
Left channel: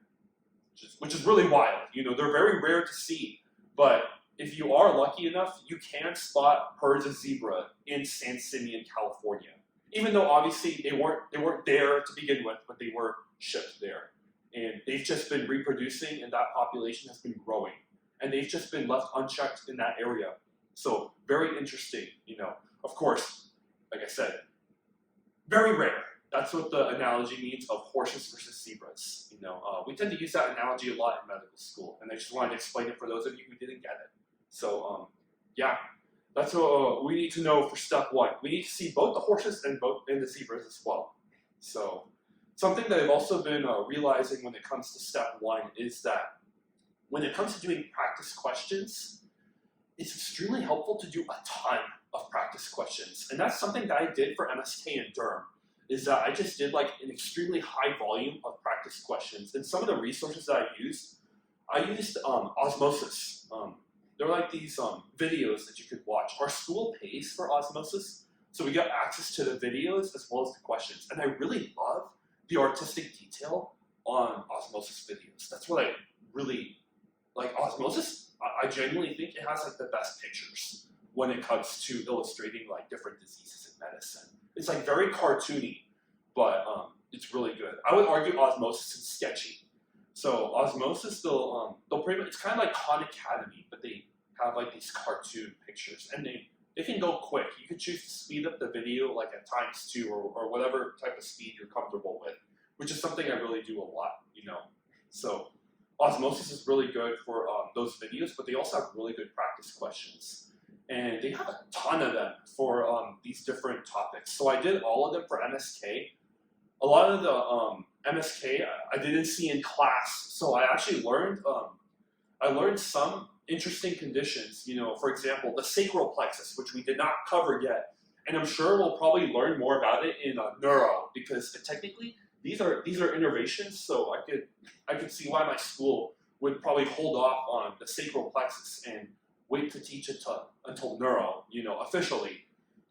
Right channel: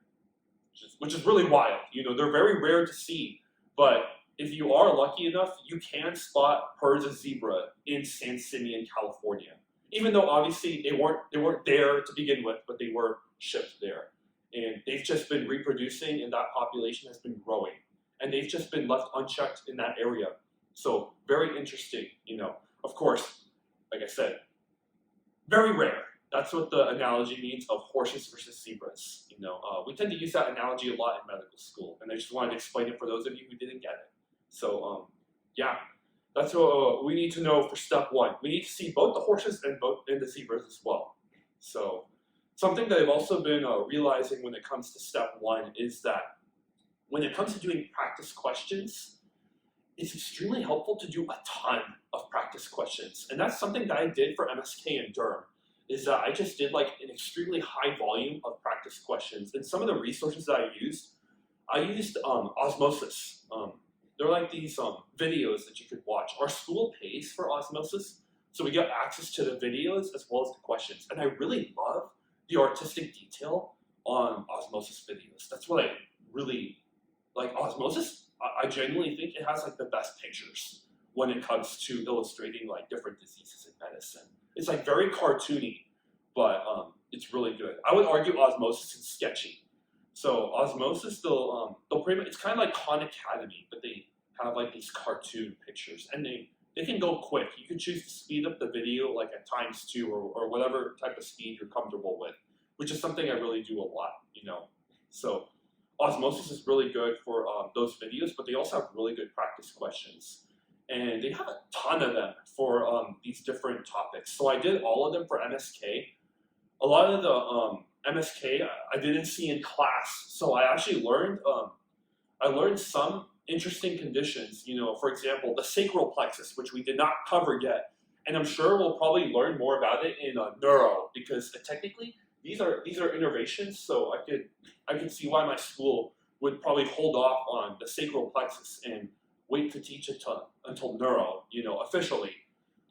which is really wild. You know, they're very rare to see, but if you are lucky enough, you can spot herds of zebra in San Simeon, California. Even though obviously they weren't there to begin with, but they were shipped there. And they've just been reproducing, and that population has been growing. And they've just been left unchecked in that area. So very interesting, you know. Of course, like I said, very rare. That's what the analogy means of horses versus zebras. You know, we tend to use that analogy a lot in medical school, and I just wanted to explain it for those of you who didn't get it. So yeah, that's what we need to know for step 1. We need to see both the horses and the zebras as well. So something that I've also been realizing when it comes to step 1 is that when it comes to doing practice questions, it's extremely helpful to do a ton of practice questions. And that's something that I did for MSK and derm, is that I just did like an extremely high volume of practice questions. And some of the resources that I used Osmosis. They're like these videos that you could watch. Our school pays for Osmosis, So we get access to the videos as well as the questions. And I really love the artistic detail on osmosis videos. That's what I really like. Osmosis, I genuinely think it has like the best pictures when it comes to illustrating like different diseases in medicine. It's like very cartoony, but it's really good. I would argue osmosis is sketchy. So osmosis, they'll pretty much, it's kind of like Khan Academy, but they have like these cartoon pictures, and they can go quick. You can choose to speed up the video like at ×2 or whatever type of speed you're comfortable with, which is something I really do a lot, you know. So osmosis is really good for those videos, but they also have really good practice questions. And they have a ton of them for these different topics. So I did all of them for MSK. A lot of the MSK I didn't see in class, so I actually learned some interesting conditions. You know, for example, the sacral plexus, which we did not cover yet, and I'm sure we'll probably learn more about it in neuro, because technically these are innervations. So I could see why my school would probably hold off on the sacral plexus and wait to teach it until neuro, you know, officially.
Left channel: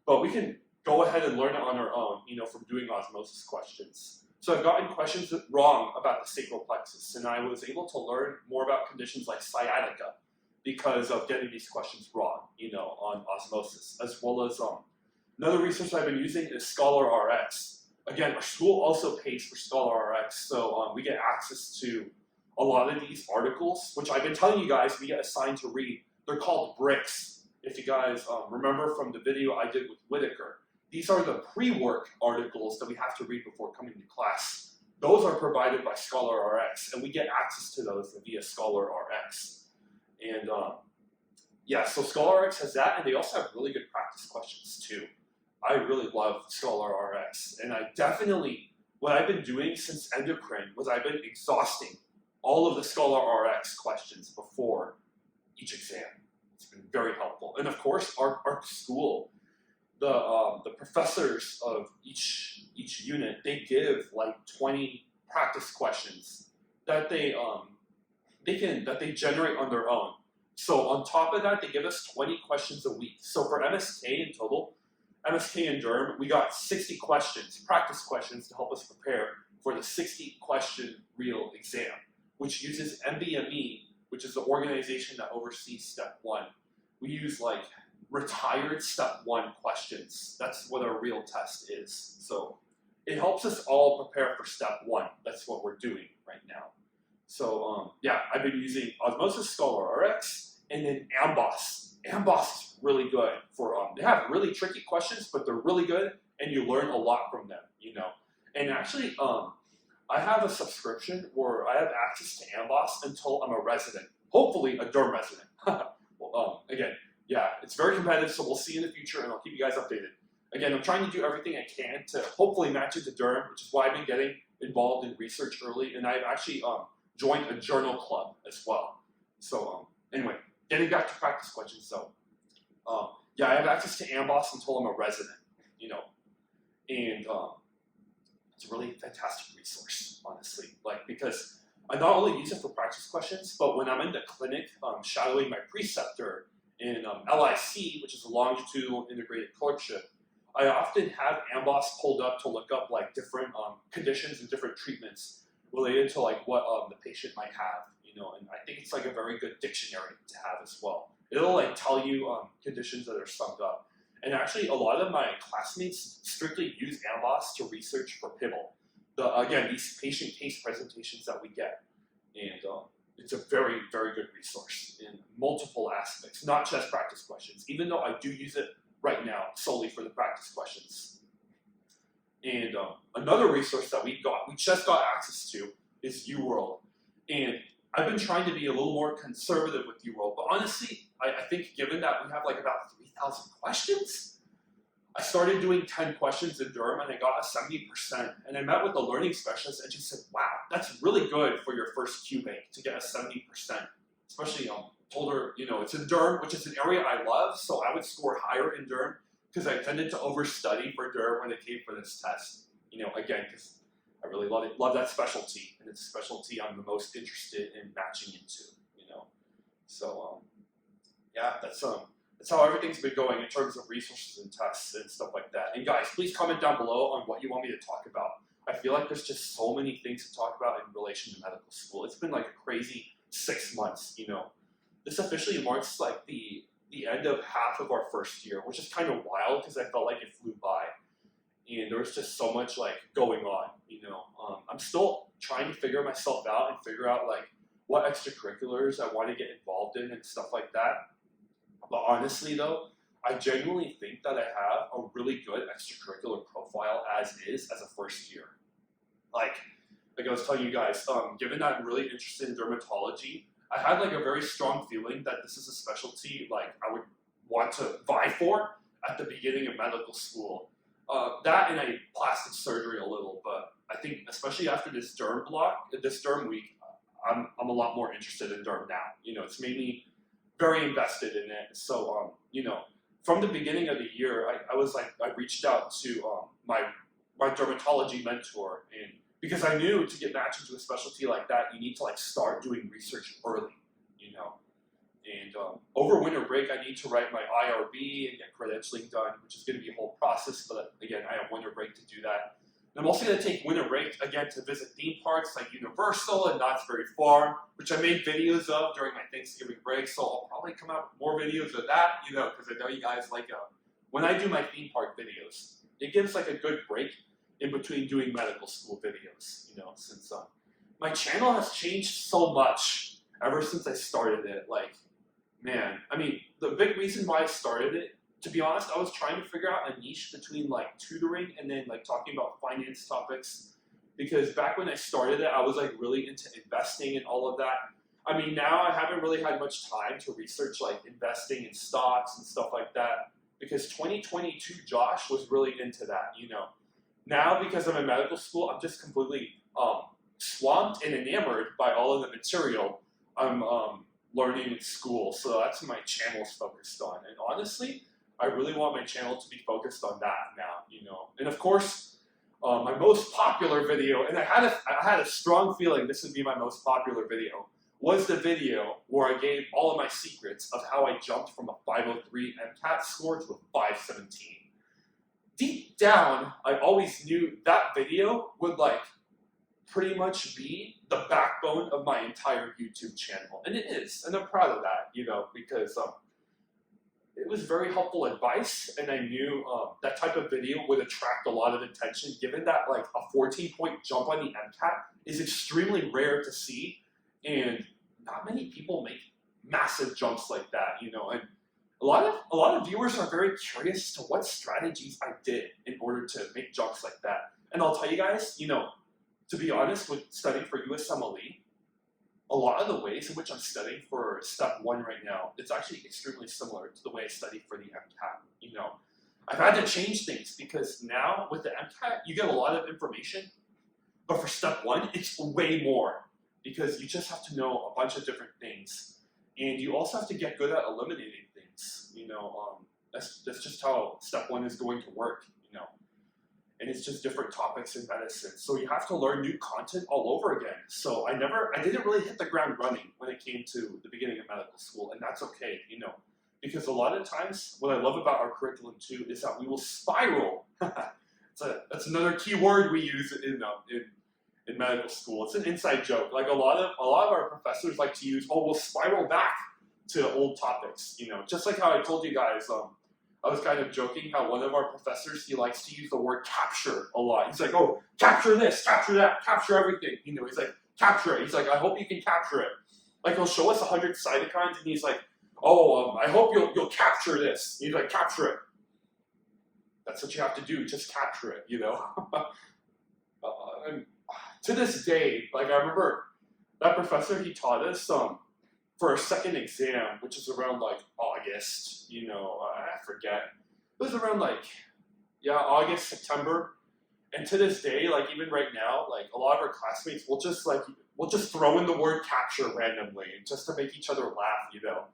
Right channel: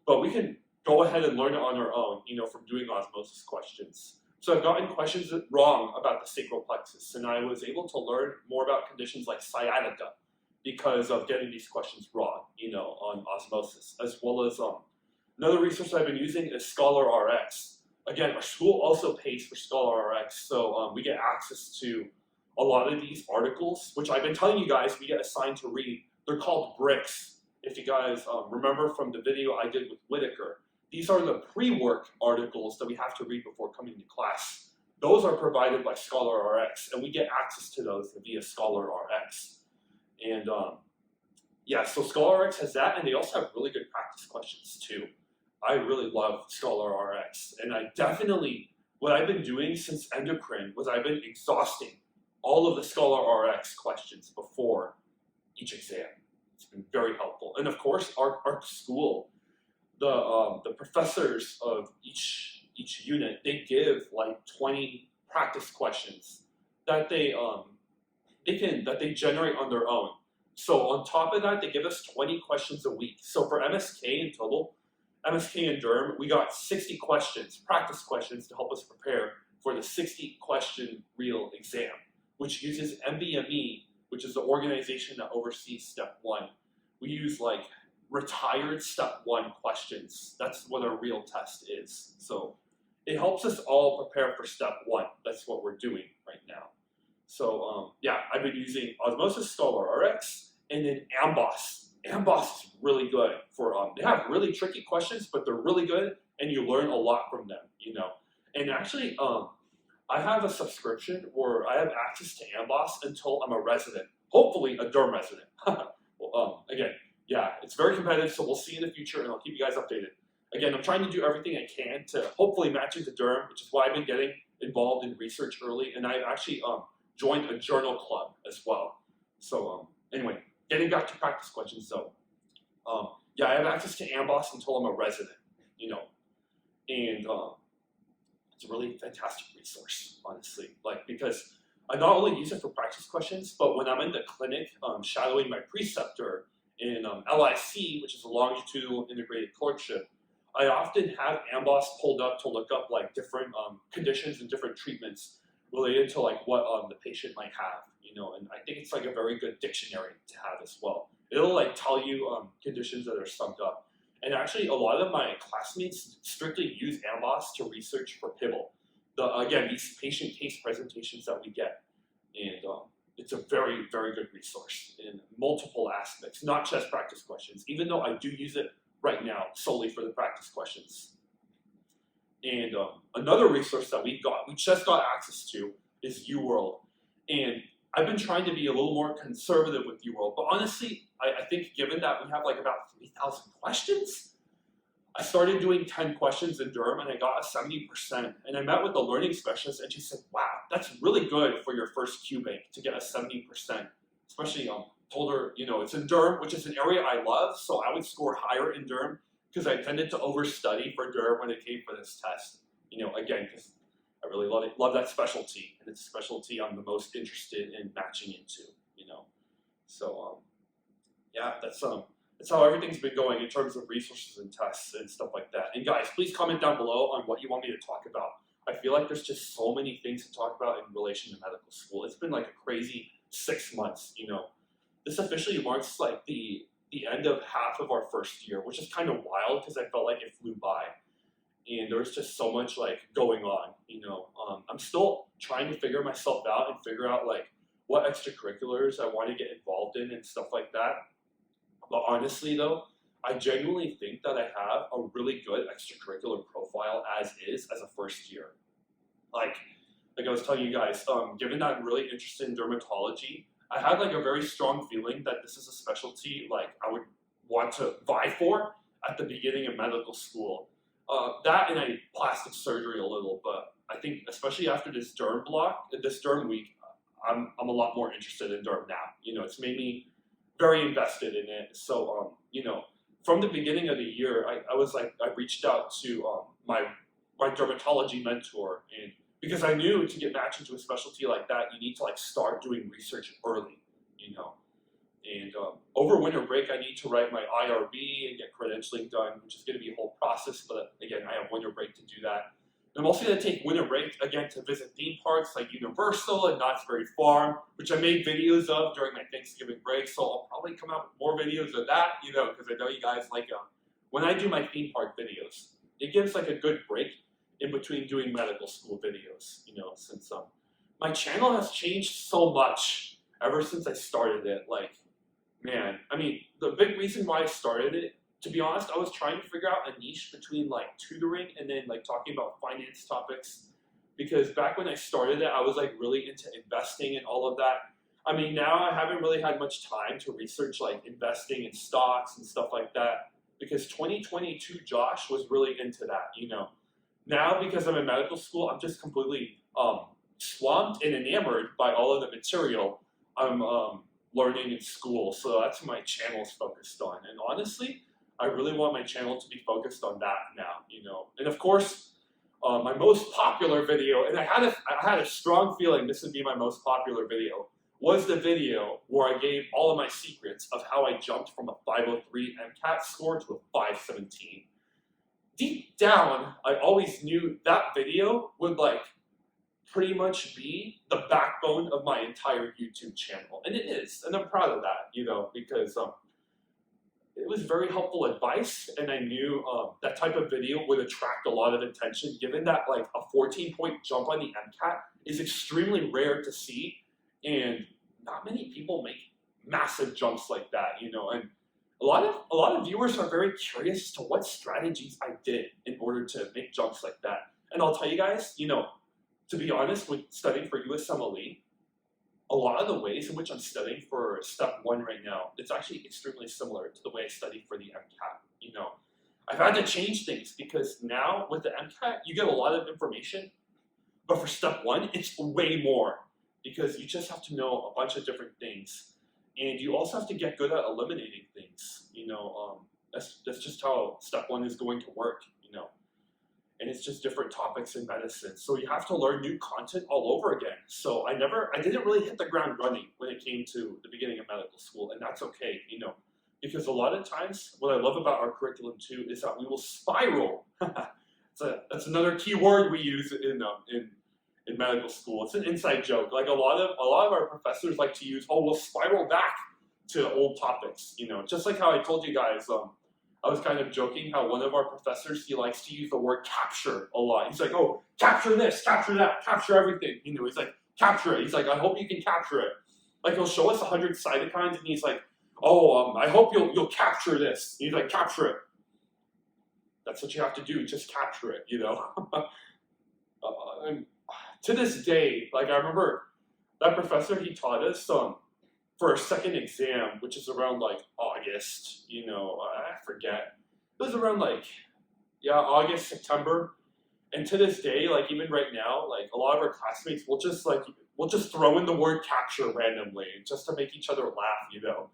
But we can go ahead and learn it on our own, you know, from doing osmosis questions. So I've gotten questions wrong about the sacral plexus, and I was able to learn more about conditions like sciatica because of getting these questions wrong, you know, on osmosis, as well as another resource I've been using is Scholar RX. Again, our school also pays for Scholar RX, so we get access to a lot of these articles, which I've been telling you guys we get assigned to read. They're called bricks. If you guys remember from the video I did with Whitaker, these are the pre-work articles that we have to read before coming to class. Those are provided by Scholar RX, and we get access to those via Scholar RX. And yeah, so Scholar RX has that, and they also have really good practice questions too. I really love Scholar RX, and I definitely, what I've been doing since endocrine was I've been exhausting all of the Scholar RX questions before each exam. It's been very helpful. And of course, our school, the professors of each unit, they give like 20 practice questions that they generate on their own. So on top of that, they give us 20 questions a week. So for MSK in total, MSK and derm, we got 60 questions, practice questions, to help us prepare for the 60 question real exam, which uses MBME, which is the organization that oversees step 1. We use like retired step 1 questions. That's what our real test is. So it helps us all prepare for step 1. That's what we're doing right now. So yeah, I've been using Osmosis, Scholar RX, and then Amboss. Amboss is really good for, they have really tricky questions, but they're really good, and you learn a lot from them, you know. And actually, I have a subscription where I have access to Amboss until I'm a resident, hopefully a derm resident. Well, again, yeah, it's very competitive, so we'll see in the future, and I'll keep you guys updated. Again, I'm trying to do everything I can to hopefully match it to derm, which is why I've been getting involved in research early, and I've actually joined a journal club as well. So anyway, getting back to practice questions, so yeah, I have access to Amboss until I'm a resident, you know, and it's a really fantastic resource, honestly, like, because I not only use it for practice questions, but when I'm in the clinic shadowing my preceptor in LIC, which is a longitudinal integrated clerkship, I often have Amboss pulled up to look up like different conditions and different treatments related to like what the patient might have, you know, and I think it's like a very good dictionary to have as well. It'll like tell you conditions that are summed up. And actually, a lot of my classmates strictly use Amboss to research for PIBL. Again, these patient case presentations that we get. And it's a very, very good resource in multiple aspects, not just practice questions, even though I do use it right now solely for the practice questions. And another resource that we just got access to is UWorld. And I've been trying to be a little more conservative with UWorld, but honestly, I think given that we have like about 3,000 questions, I started doing 10 questions in derm and I got a 70%. And I met with the learning specialist and she said, wow, that's really good for your first Q bank to get a 70%. Especially, told her, you know, it's in derm, which is an area I love, so I would score higher in derm because I tended to overstudy for derm when it came for this test. You know, again, because I really love that specialty, and it's a specialty I'm the most interested in matching into, you know. So, yeah, that's that's how everything's been going in terms of resources and tests and stuff like that. And guys, please comment down below on what you want me to talk about. I feel like there's just so many things to talk about in relation to medical school. It's been like a crazy 6 months, you know. This officially marks like the end of half of our first year, which is kind of wild because I felt like it flew by. And there was just so much like going on, you know. I'm still trying to figure myself out and figure out like what extracurriculars I want to get involved in and stuff like that. But honestly though, I genuinely think that I have a really good extracurricular profile as is as a first year. Like I was telling you guys, given that I'm really interested in dermatology, I had like a very strong feeling that this is a specialty like I would want to vie for at the beginning of medical school. That and I plastic surgery a little, but I think especially after this derm block, this derm week, I'm a lot more interested in derm now. You know, it's made me very invested in it. So, you know, from the beginning of the year, I was like, I reached out to my dermatology mentor, and because I knew to get matched into a specialty like that, you need to like start doing research early, you know. And over winter break, I need to write my IRB and get credentialing done, which is going to be a whole process. But again, I have winter break to do that. And I'm also going to take winter break again to visit theme parks like Universal and Knott's Berry Farm, which I made videos of during my Thanksgiving break. So I'll probably come out with more videos of that, you know, because I know you guys like when I do my theme park videos, it gives like a good break in between doing medical school videos, you know, since my channel has changed so much ever since I started it. Like, man, I mean, the big reason why I started it, to be honest, I was trying to figure out a niche between like tutoring and then like talking about finance topics. Because back when I started it, I was like really into investing and all of that. I mean, now I haven't really had much time to research like investing in stocks and stuff like that. Because 2022 Josh was really into that, you know. Now, because I'm in medical school, I'm just completely swamped and enamored by all of the material I'm learning in school. So that's what my channel's focused on. And honestly, I really want my channel to be focused on that now, you know. And of course, my most popular video, and I had a strong feeling this would be my most popular video, was the video where I gave all of my secrets of how I jumped from a 503 MCAT score to a 517. Deep down, I always knew that video would like pretty much be the backbone of my entire YouTube channel. And it is, and I'm proud of that, you know, because it was very helpful advice, and I knew that type of video would attract a lot of attention, given that like a 14-point jump on the MCAT is extremely rare to see, and not many people make massive jumps like that, you know. And a lot of viewers are very curious to what strategies I did in order to make jumps like that. And I'll tell you guys, you know, to be honest, with studying for USMLE, a lot of the ways in which I'm studying for step 1 right now, it's actually extremely similar to the way I studied for the MCAT. You know, I've had to change things because now with the MCAT, you get a lot of information, but for step 1, it's way more because you just have to know a bunch of different things. And you also have to get good at eliminating things, you know. That's just how step 1 is going to work, you know. And it's just different topics in medicine. So you have to learn new content all over again. So I didn't really hit the ground running when it came to the beginning of medical school, and that's okay, you know. Because a lot of times, what I love about our curriculum too is that we will spiral. That's another key word we use in medical school. It's an inside joke. Like a lot of our professors like to use, we'll spiral back to old topics, you know. Just like how I told you guys, I was kind of joking how one of our professors, he likes to use the word capture a lot. He's like, oh, capture this, capture that, capture everything. You know, he's like, capture it. He's like, I hope you can capture it. Like he'll show us 100 cytokines and he's like, I hope you'll capture this. And he's like, capture it. That's what you have to do, just capture it, you know. To this day, like I remember that professor, he taught us for our second exam, which is around like August, you know, I forget. It was around like, August, September. And to this day, like even right now, like a lot of our classmates will just throw in the word capture randomly just to make each other laugh, you know.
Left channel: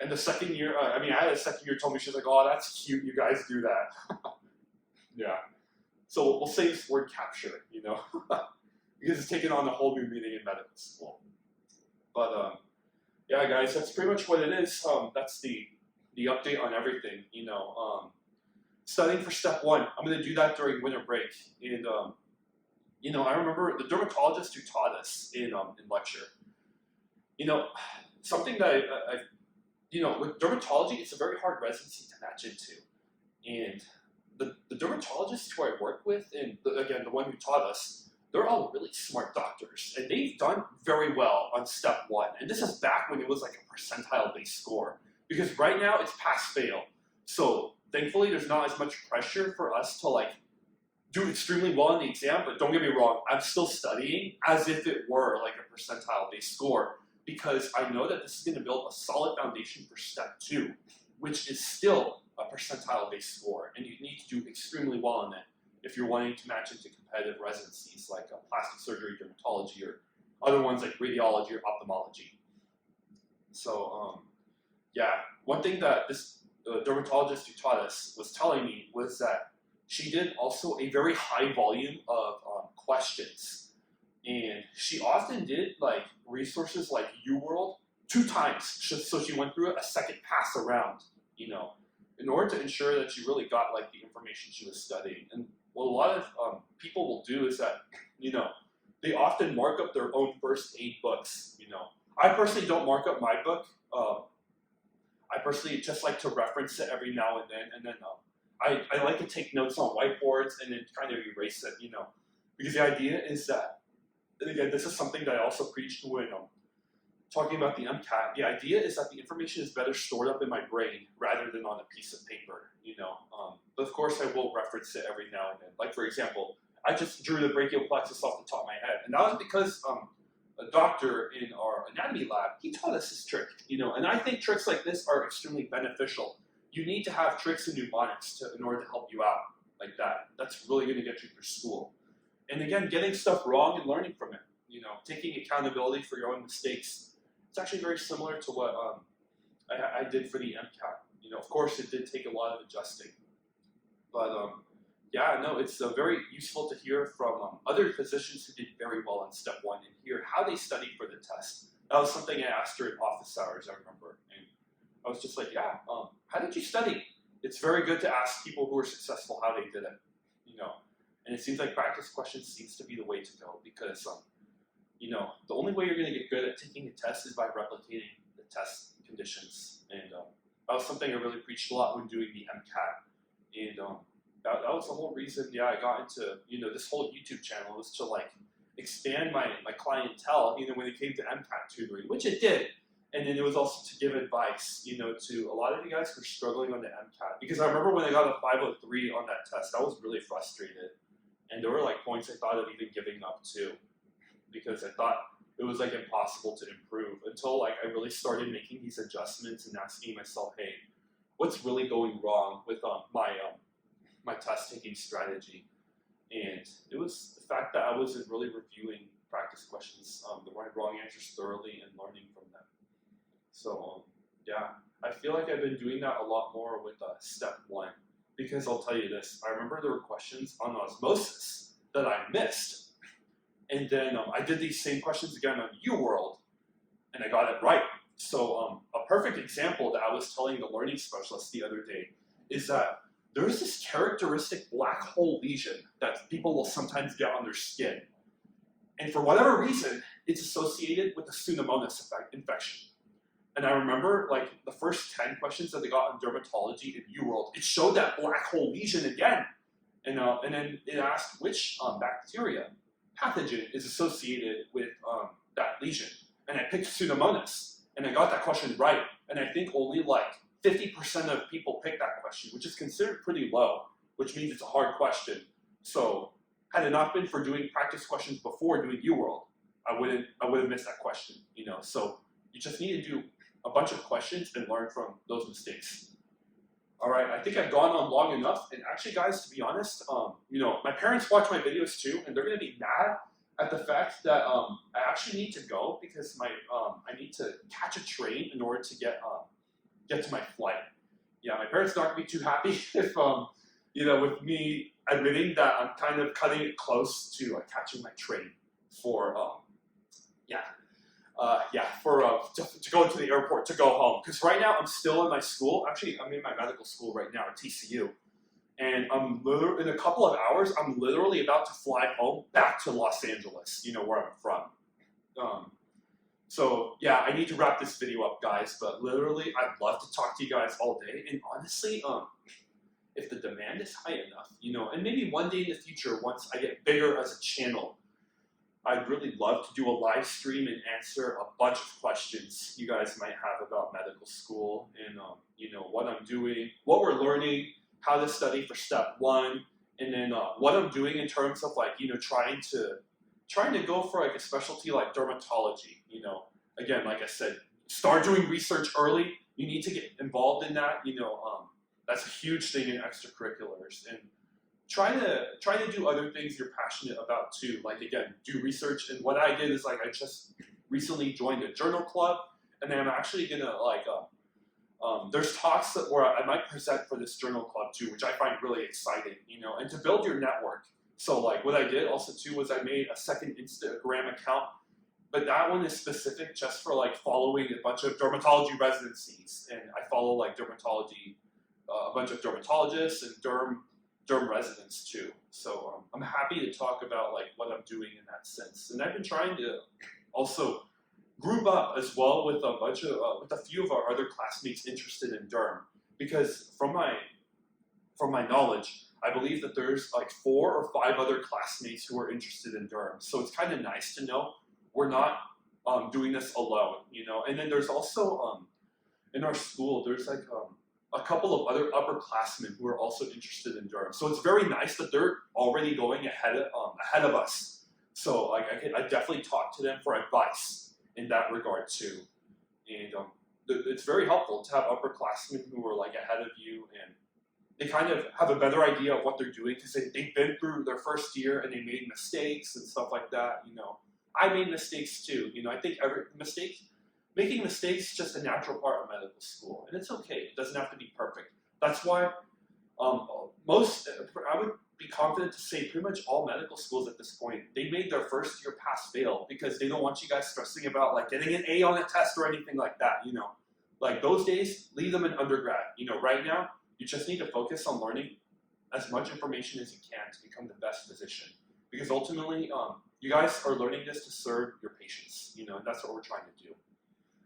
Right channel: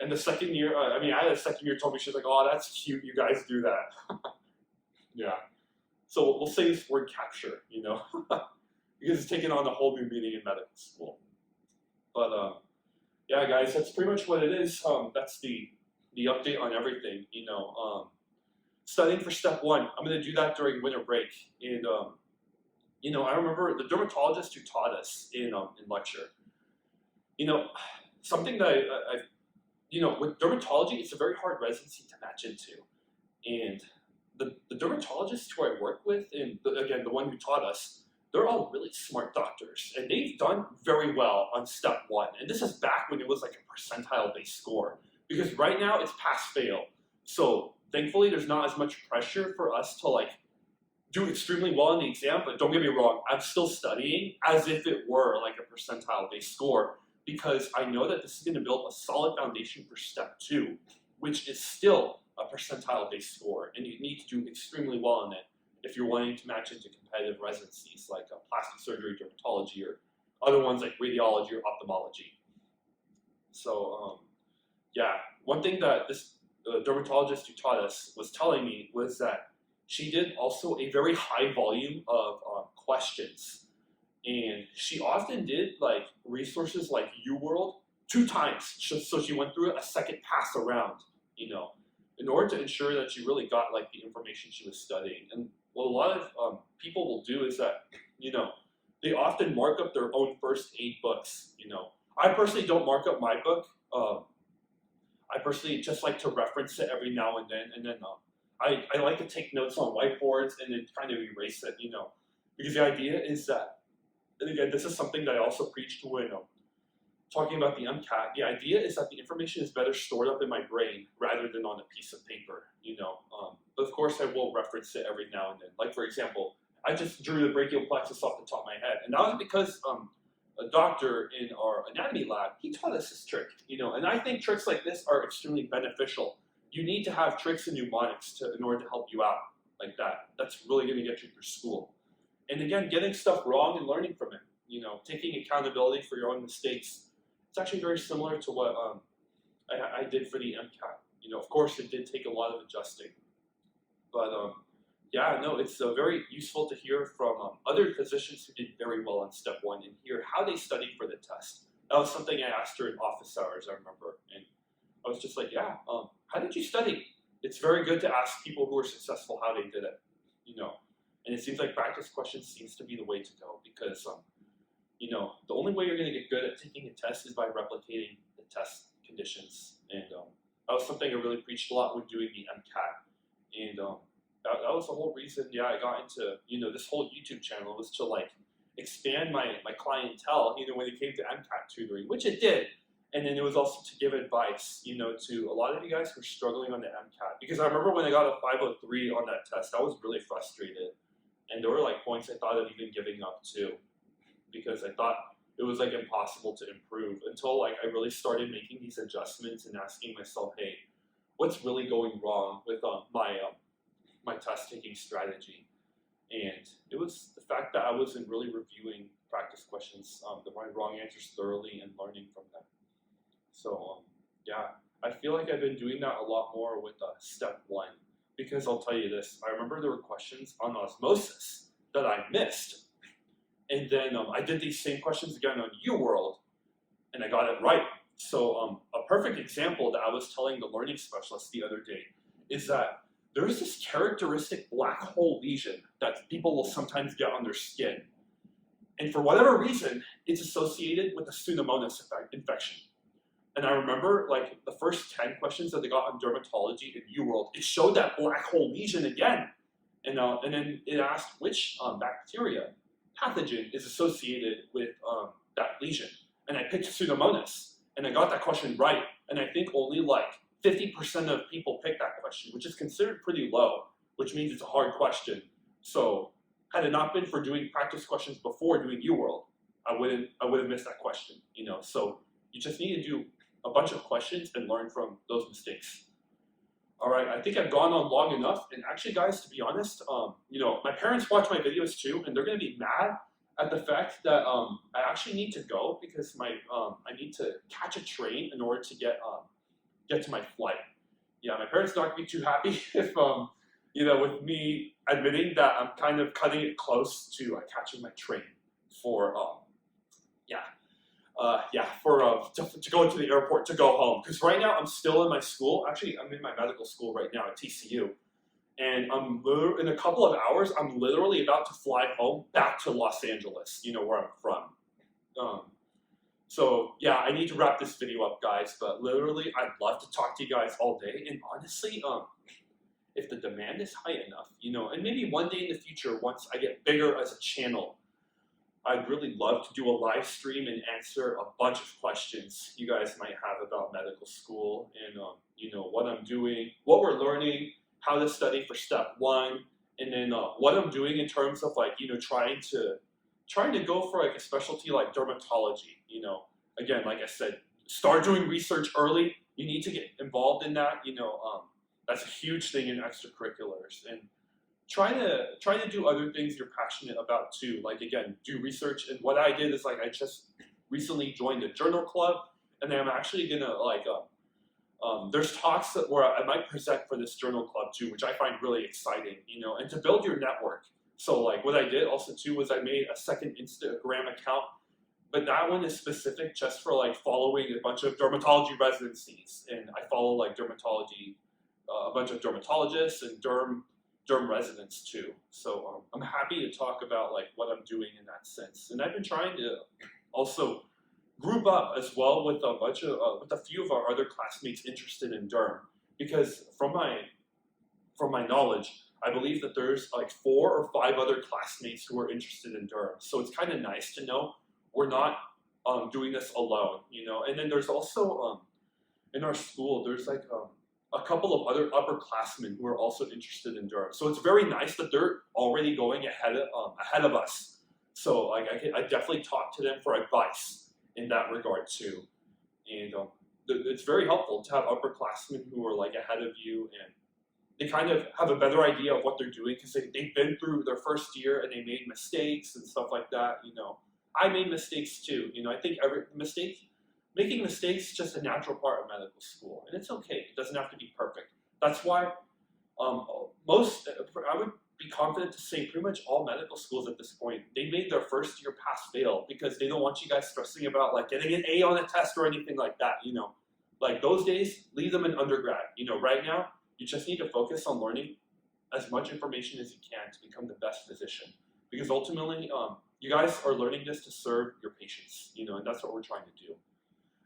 And the second year, I had a second year told me, she's like, oh, that's cute, you guys do that. Yeah. So we'll say this word capture, you know, because it's taken on a whole new meaning in medical school. But yeah, guys, that's pretty much what it is. That's the the update on everything. Studying for step one. I'm going to do that during winter break. And I remember the dermatologist who taught us in lecture. Something that with dermatology, it's a very hard residency to match into. And the dermatologists who I work with, and again, the one who taught us, they're all really smart doctors. And they've done very well on step one. And this is back when it was like a percentile-based score. Because right now, it's pass-fail. So thankfully, there's not as much pressure for us to do extremely well in the exam. But don't get me wrong, I'm still studying as if it were like a percentile-based score, because I know that this is going to build a solid foundation for step two, which is still a percentile-based score, and you need to do extremely well in it if you're wanting to match into competitive residencies like plastic surgery, dermatology, or other ones like radiology or ophthalmology. So one thing that this dermatologist who taught us was telling me was that she did also a very high volume of questions. And she often did resources like UWorld 2 times, so she went through it a second pass around, in order to ensure that she really got the information she was studying. And what a lot of people will do is that, they often mark up their own first aid books. I personally don't mark up my book. I personally just like to reference it every now and then I like to take notes on whiteboards and then kind of erase it, because the idea is that. And again, this is something that I also preached when talking about the MCAT. The idea is that the information is better stored up in my brain rather than on a piece of paper, But of course, I will reference it every now and then. Like, for example, I just drew the brachial plexus off the top of my head. And that was because a doctor in our anatomy lab, he taught us this trick, And I think tricks like this are extremely beneficial. You need to have tricks and mnemonics in order to help you out like that. That's really going to get you through school. And again, getting stuff wrong and learning from it, taking accountability for your own mistakes. It's actually very similar to what I did for the MCAT. Of course, it did take a lot of adjusting. But it's very useful to hear from other physicians who did very well on step one and hear how they studied for the test. That was something I asked her in office hours, I remember. And I was just like, how did you study? It's very good to ask people who are successful how they did it, And it seems like practice questions seems to be the way to go because, the only way you're going to get good at taking a test is by replicating the test conditions. And that was something I really preached a lot when doing the MCAT. And that was the whole reason, I got into, this whole YouTube channel was to expand my clientele, when it came to MCAT tutoring, which it did. And then it was also to give advice, to a lot of you guys who are struggling on the MCAT. Because I remember when I got a 503 on that test, I was really frustrated. And there were points I thought of even giving up too, because I thought it was impossible to improve until I really started making these adjustments and asking myself, hey, what's really going wrong with my test taking strategy? And it was the fact that I wasn't really reviewing practice questions, the wrong answers thoroughly and learning from them. So I feel like I've been doing that a lot more with step one. Because I'll tell you this, I remember there were questions on osmosis that I missed. And then I did these same questions again on UWorld, and I got it right. So a perfect example that I was telling the learning specialist the other day is that there's this characteristic black hole lesion that people will sometimes get on their skin. And for whatever reason, it's associated with a Pseudomonas infection. And I remember the first 10 questions that they got on dermatology in UWorld, it showed that black hole lesion again. And then it asked which bacteria, pathogen is associated with that lesion. And I picked Pseudomonas, and I got that question right. And I think only 50% of people picked that question, which is considered pretty low, which means it's a hard question. So had it not been for doing practice questions before doing UWorld, I would have missed that question. So you just need to do a bunch of questions and learn from those mistakes. All right, I think I've gone on long enough. And actually, guys, to be honest, my parents watch my videos too, and they're gonna be mad at the fact that I actually need to go because I need to catch a train in order to get to my flight. Yeah, my parents are not gonna be too happy if with me admitting that I'm kind of cutting it close to catching my train for to go to the airport to go home. Because right now I'm still in my school. Actually, I'm in my medical school right now at TCU. And in a couple of hours, I'm literally about to fly home back to Los Angeles, where I'm from. So yeah, I need to wrap this video up, guys, but literally I'd love to talk to you guys all day. And honestly, if the demand is high enough, and maybe one day in the future, once I get bigger as a channel, I'd really love to do a live stream and answer a bunch of questions you guys might have about medical school and, what I'm doing, what we're learning, how to study for step 1, and then what I'm doing in terms of trying to go for like a specialty like dermatology. Again, like I said, start doing research early. You need to get involved in that. That's a huge thing in extracurriculars, and try to do other things you're passionate about too. Like again, do research. And what I did is I just recently joined a journal club, and then I'm actually gonna there's talks where I might present for this journal club too, which I find really exciting. And to build your network. So what I did also too was I made a second Instagram account, but that one is specific just for following a bunch of dermatology residencies, and I follow dermatology, a bunch of dermatologists and derm residents too. So I'm happy to talk about what I'm doing in that sense. And I've been trying to also group up as well with a few of our other classmates interested in derm, because from my knowledge, I believe that there's 4 or 5 other classmates who are interested in derm. So it's kind of nice to know we're not doing this alone, And then there's also in our school there's a couple of other upperclassmen who are also interested in derm. So it's very nice that they're already going ahead of us. So I definitely talk to them for advice in that regard too. And it's very helpful to have upperclassmen who are ahead of you, and they kind of have a better idea of what they're doing because they've been through their first year and they made mistakes and stuff like that. I made mistakes too. I think making mistakes is just a natural part of medical school, and it's okay. It doesn't have to be perfect. That's why I would be confident to say pretty much all medical schools at this point, they made their first year pass-fail because they don't want you guys stressing about getting an A on a test or anything like that. Those days, leave them in undergrad. Right now, you just need to focus on learning as much information as you can to become the best physician, because ultimately, you guys are learning this to serve your patients, and that's what we're trying to do.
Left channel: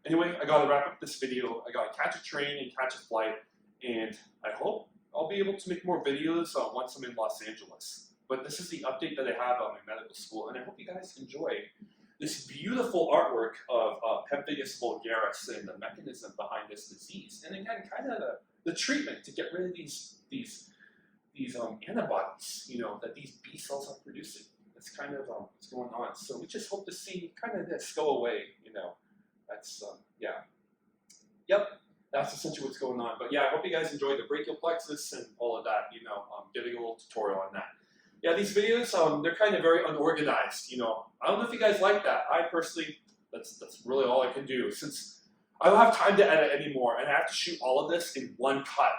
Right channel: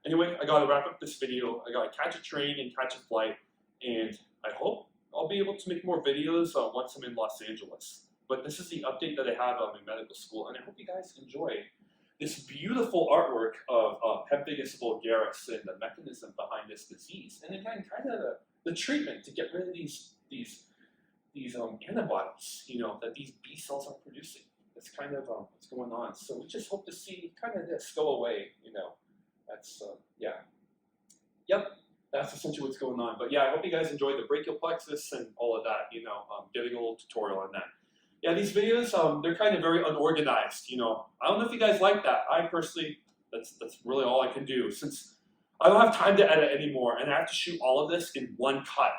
Anyway, I gotta wrap up this video. I gotta catch a train and catch a flight, and I hope I'll be able to make more videos once I'm in Los Angeles. But this is the update that I have on my medical school, and I hope you guys enjoy this beautiful artwork of pemphigus vulgaris and the mechanism behind this disease, and again, kind of the treatment to get rid of these antibodies, that these B cells are producing. That's kind of what's going on. So we just hope to see kind of this go away, That's, yeah. Yep, that's essentially what's going on. But yeah, I hope you guys enjoyed the brachial plexus and all of that, getting a little tutorial on that. Yeah, these videos, they're kind of very unorganized, I don't know if you guys like that. I personally, that's really all I can do, since I don't have time to edit anymore, and I have to shoot all of this in one cut,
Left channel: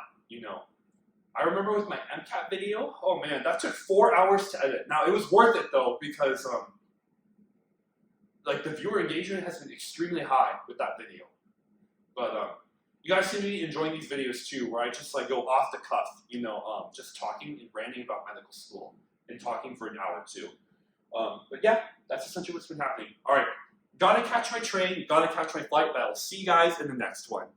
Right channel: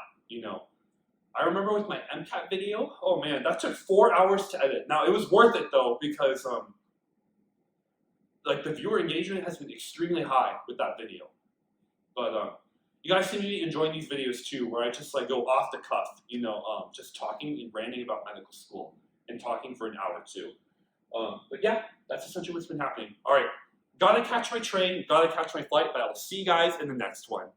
I remember with my MCAT video, oh man, that took 4 hours to edit. Now, it was worth it though, because the viewer engagement has been extremely high with that video. But you guys seem to be enjoying these videos too, where I just go off the cuff, just talking and ranting about medical school and talking for an hour or two. But yeah, that's essentially what's been happening. All right, gotta catch my train, gotta catch my flight, but I'll see you guys in the next one.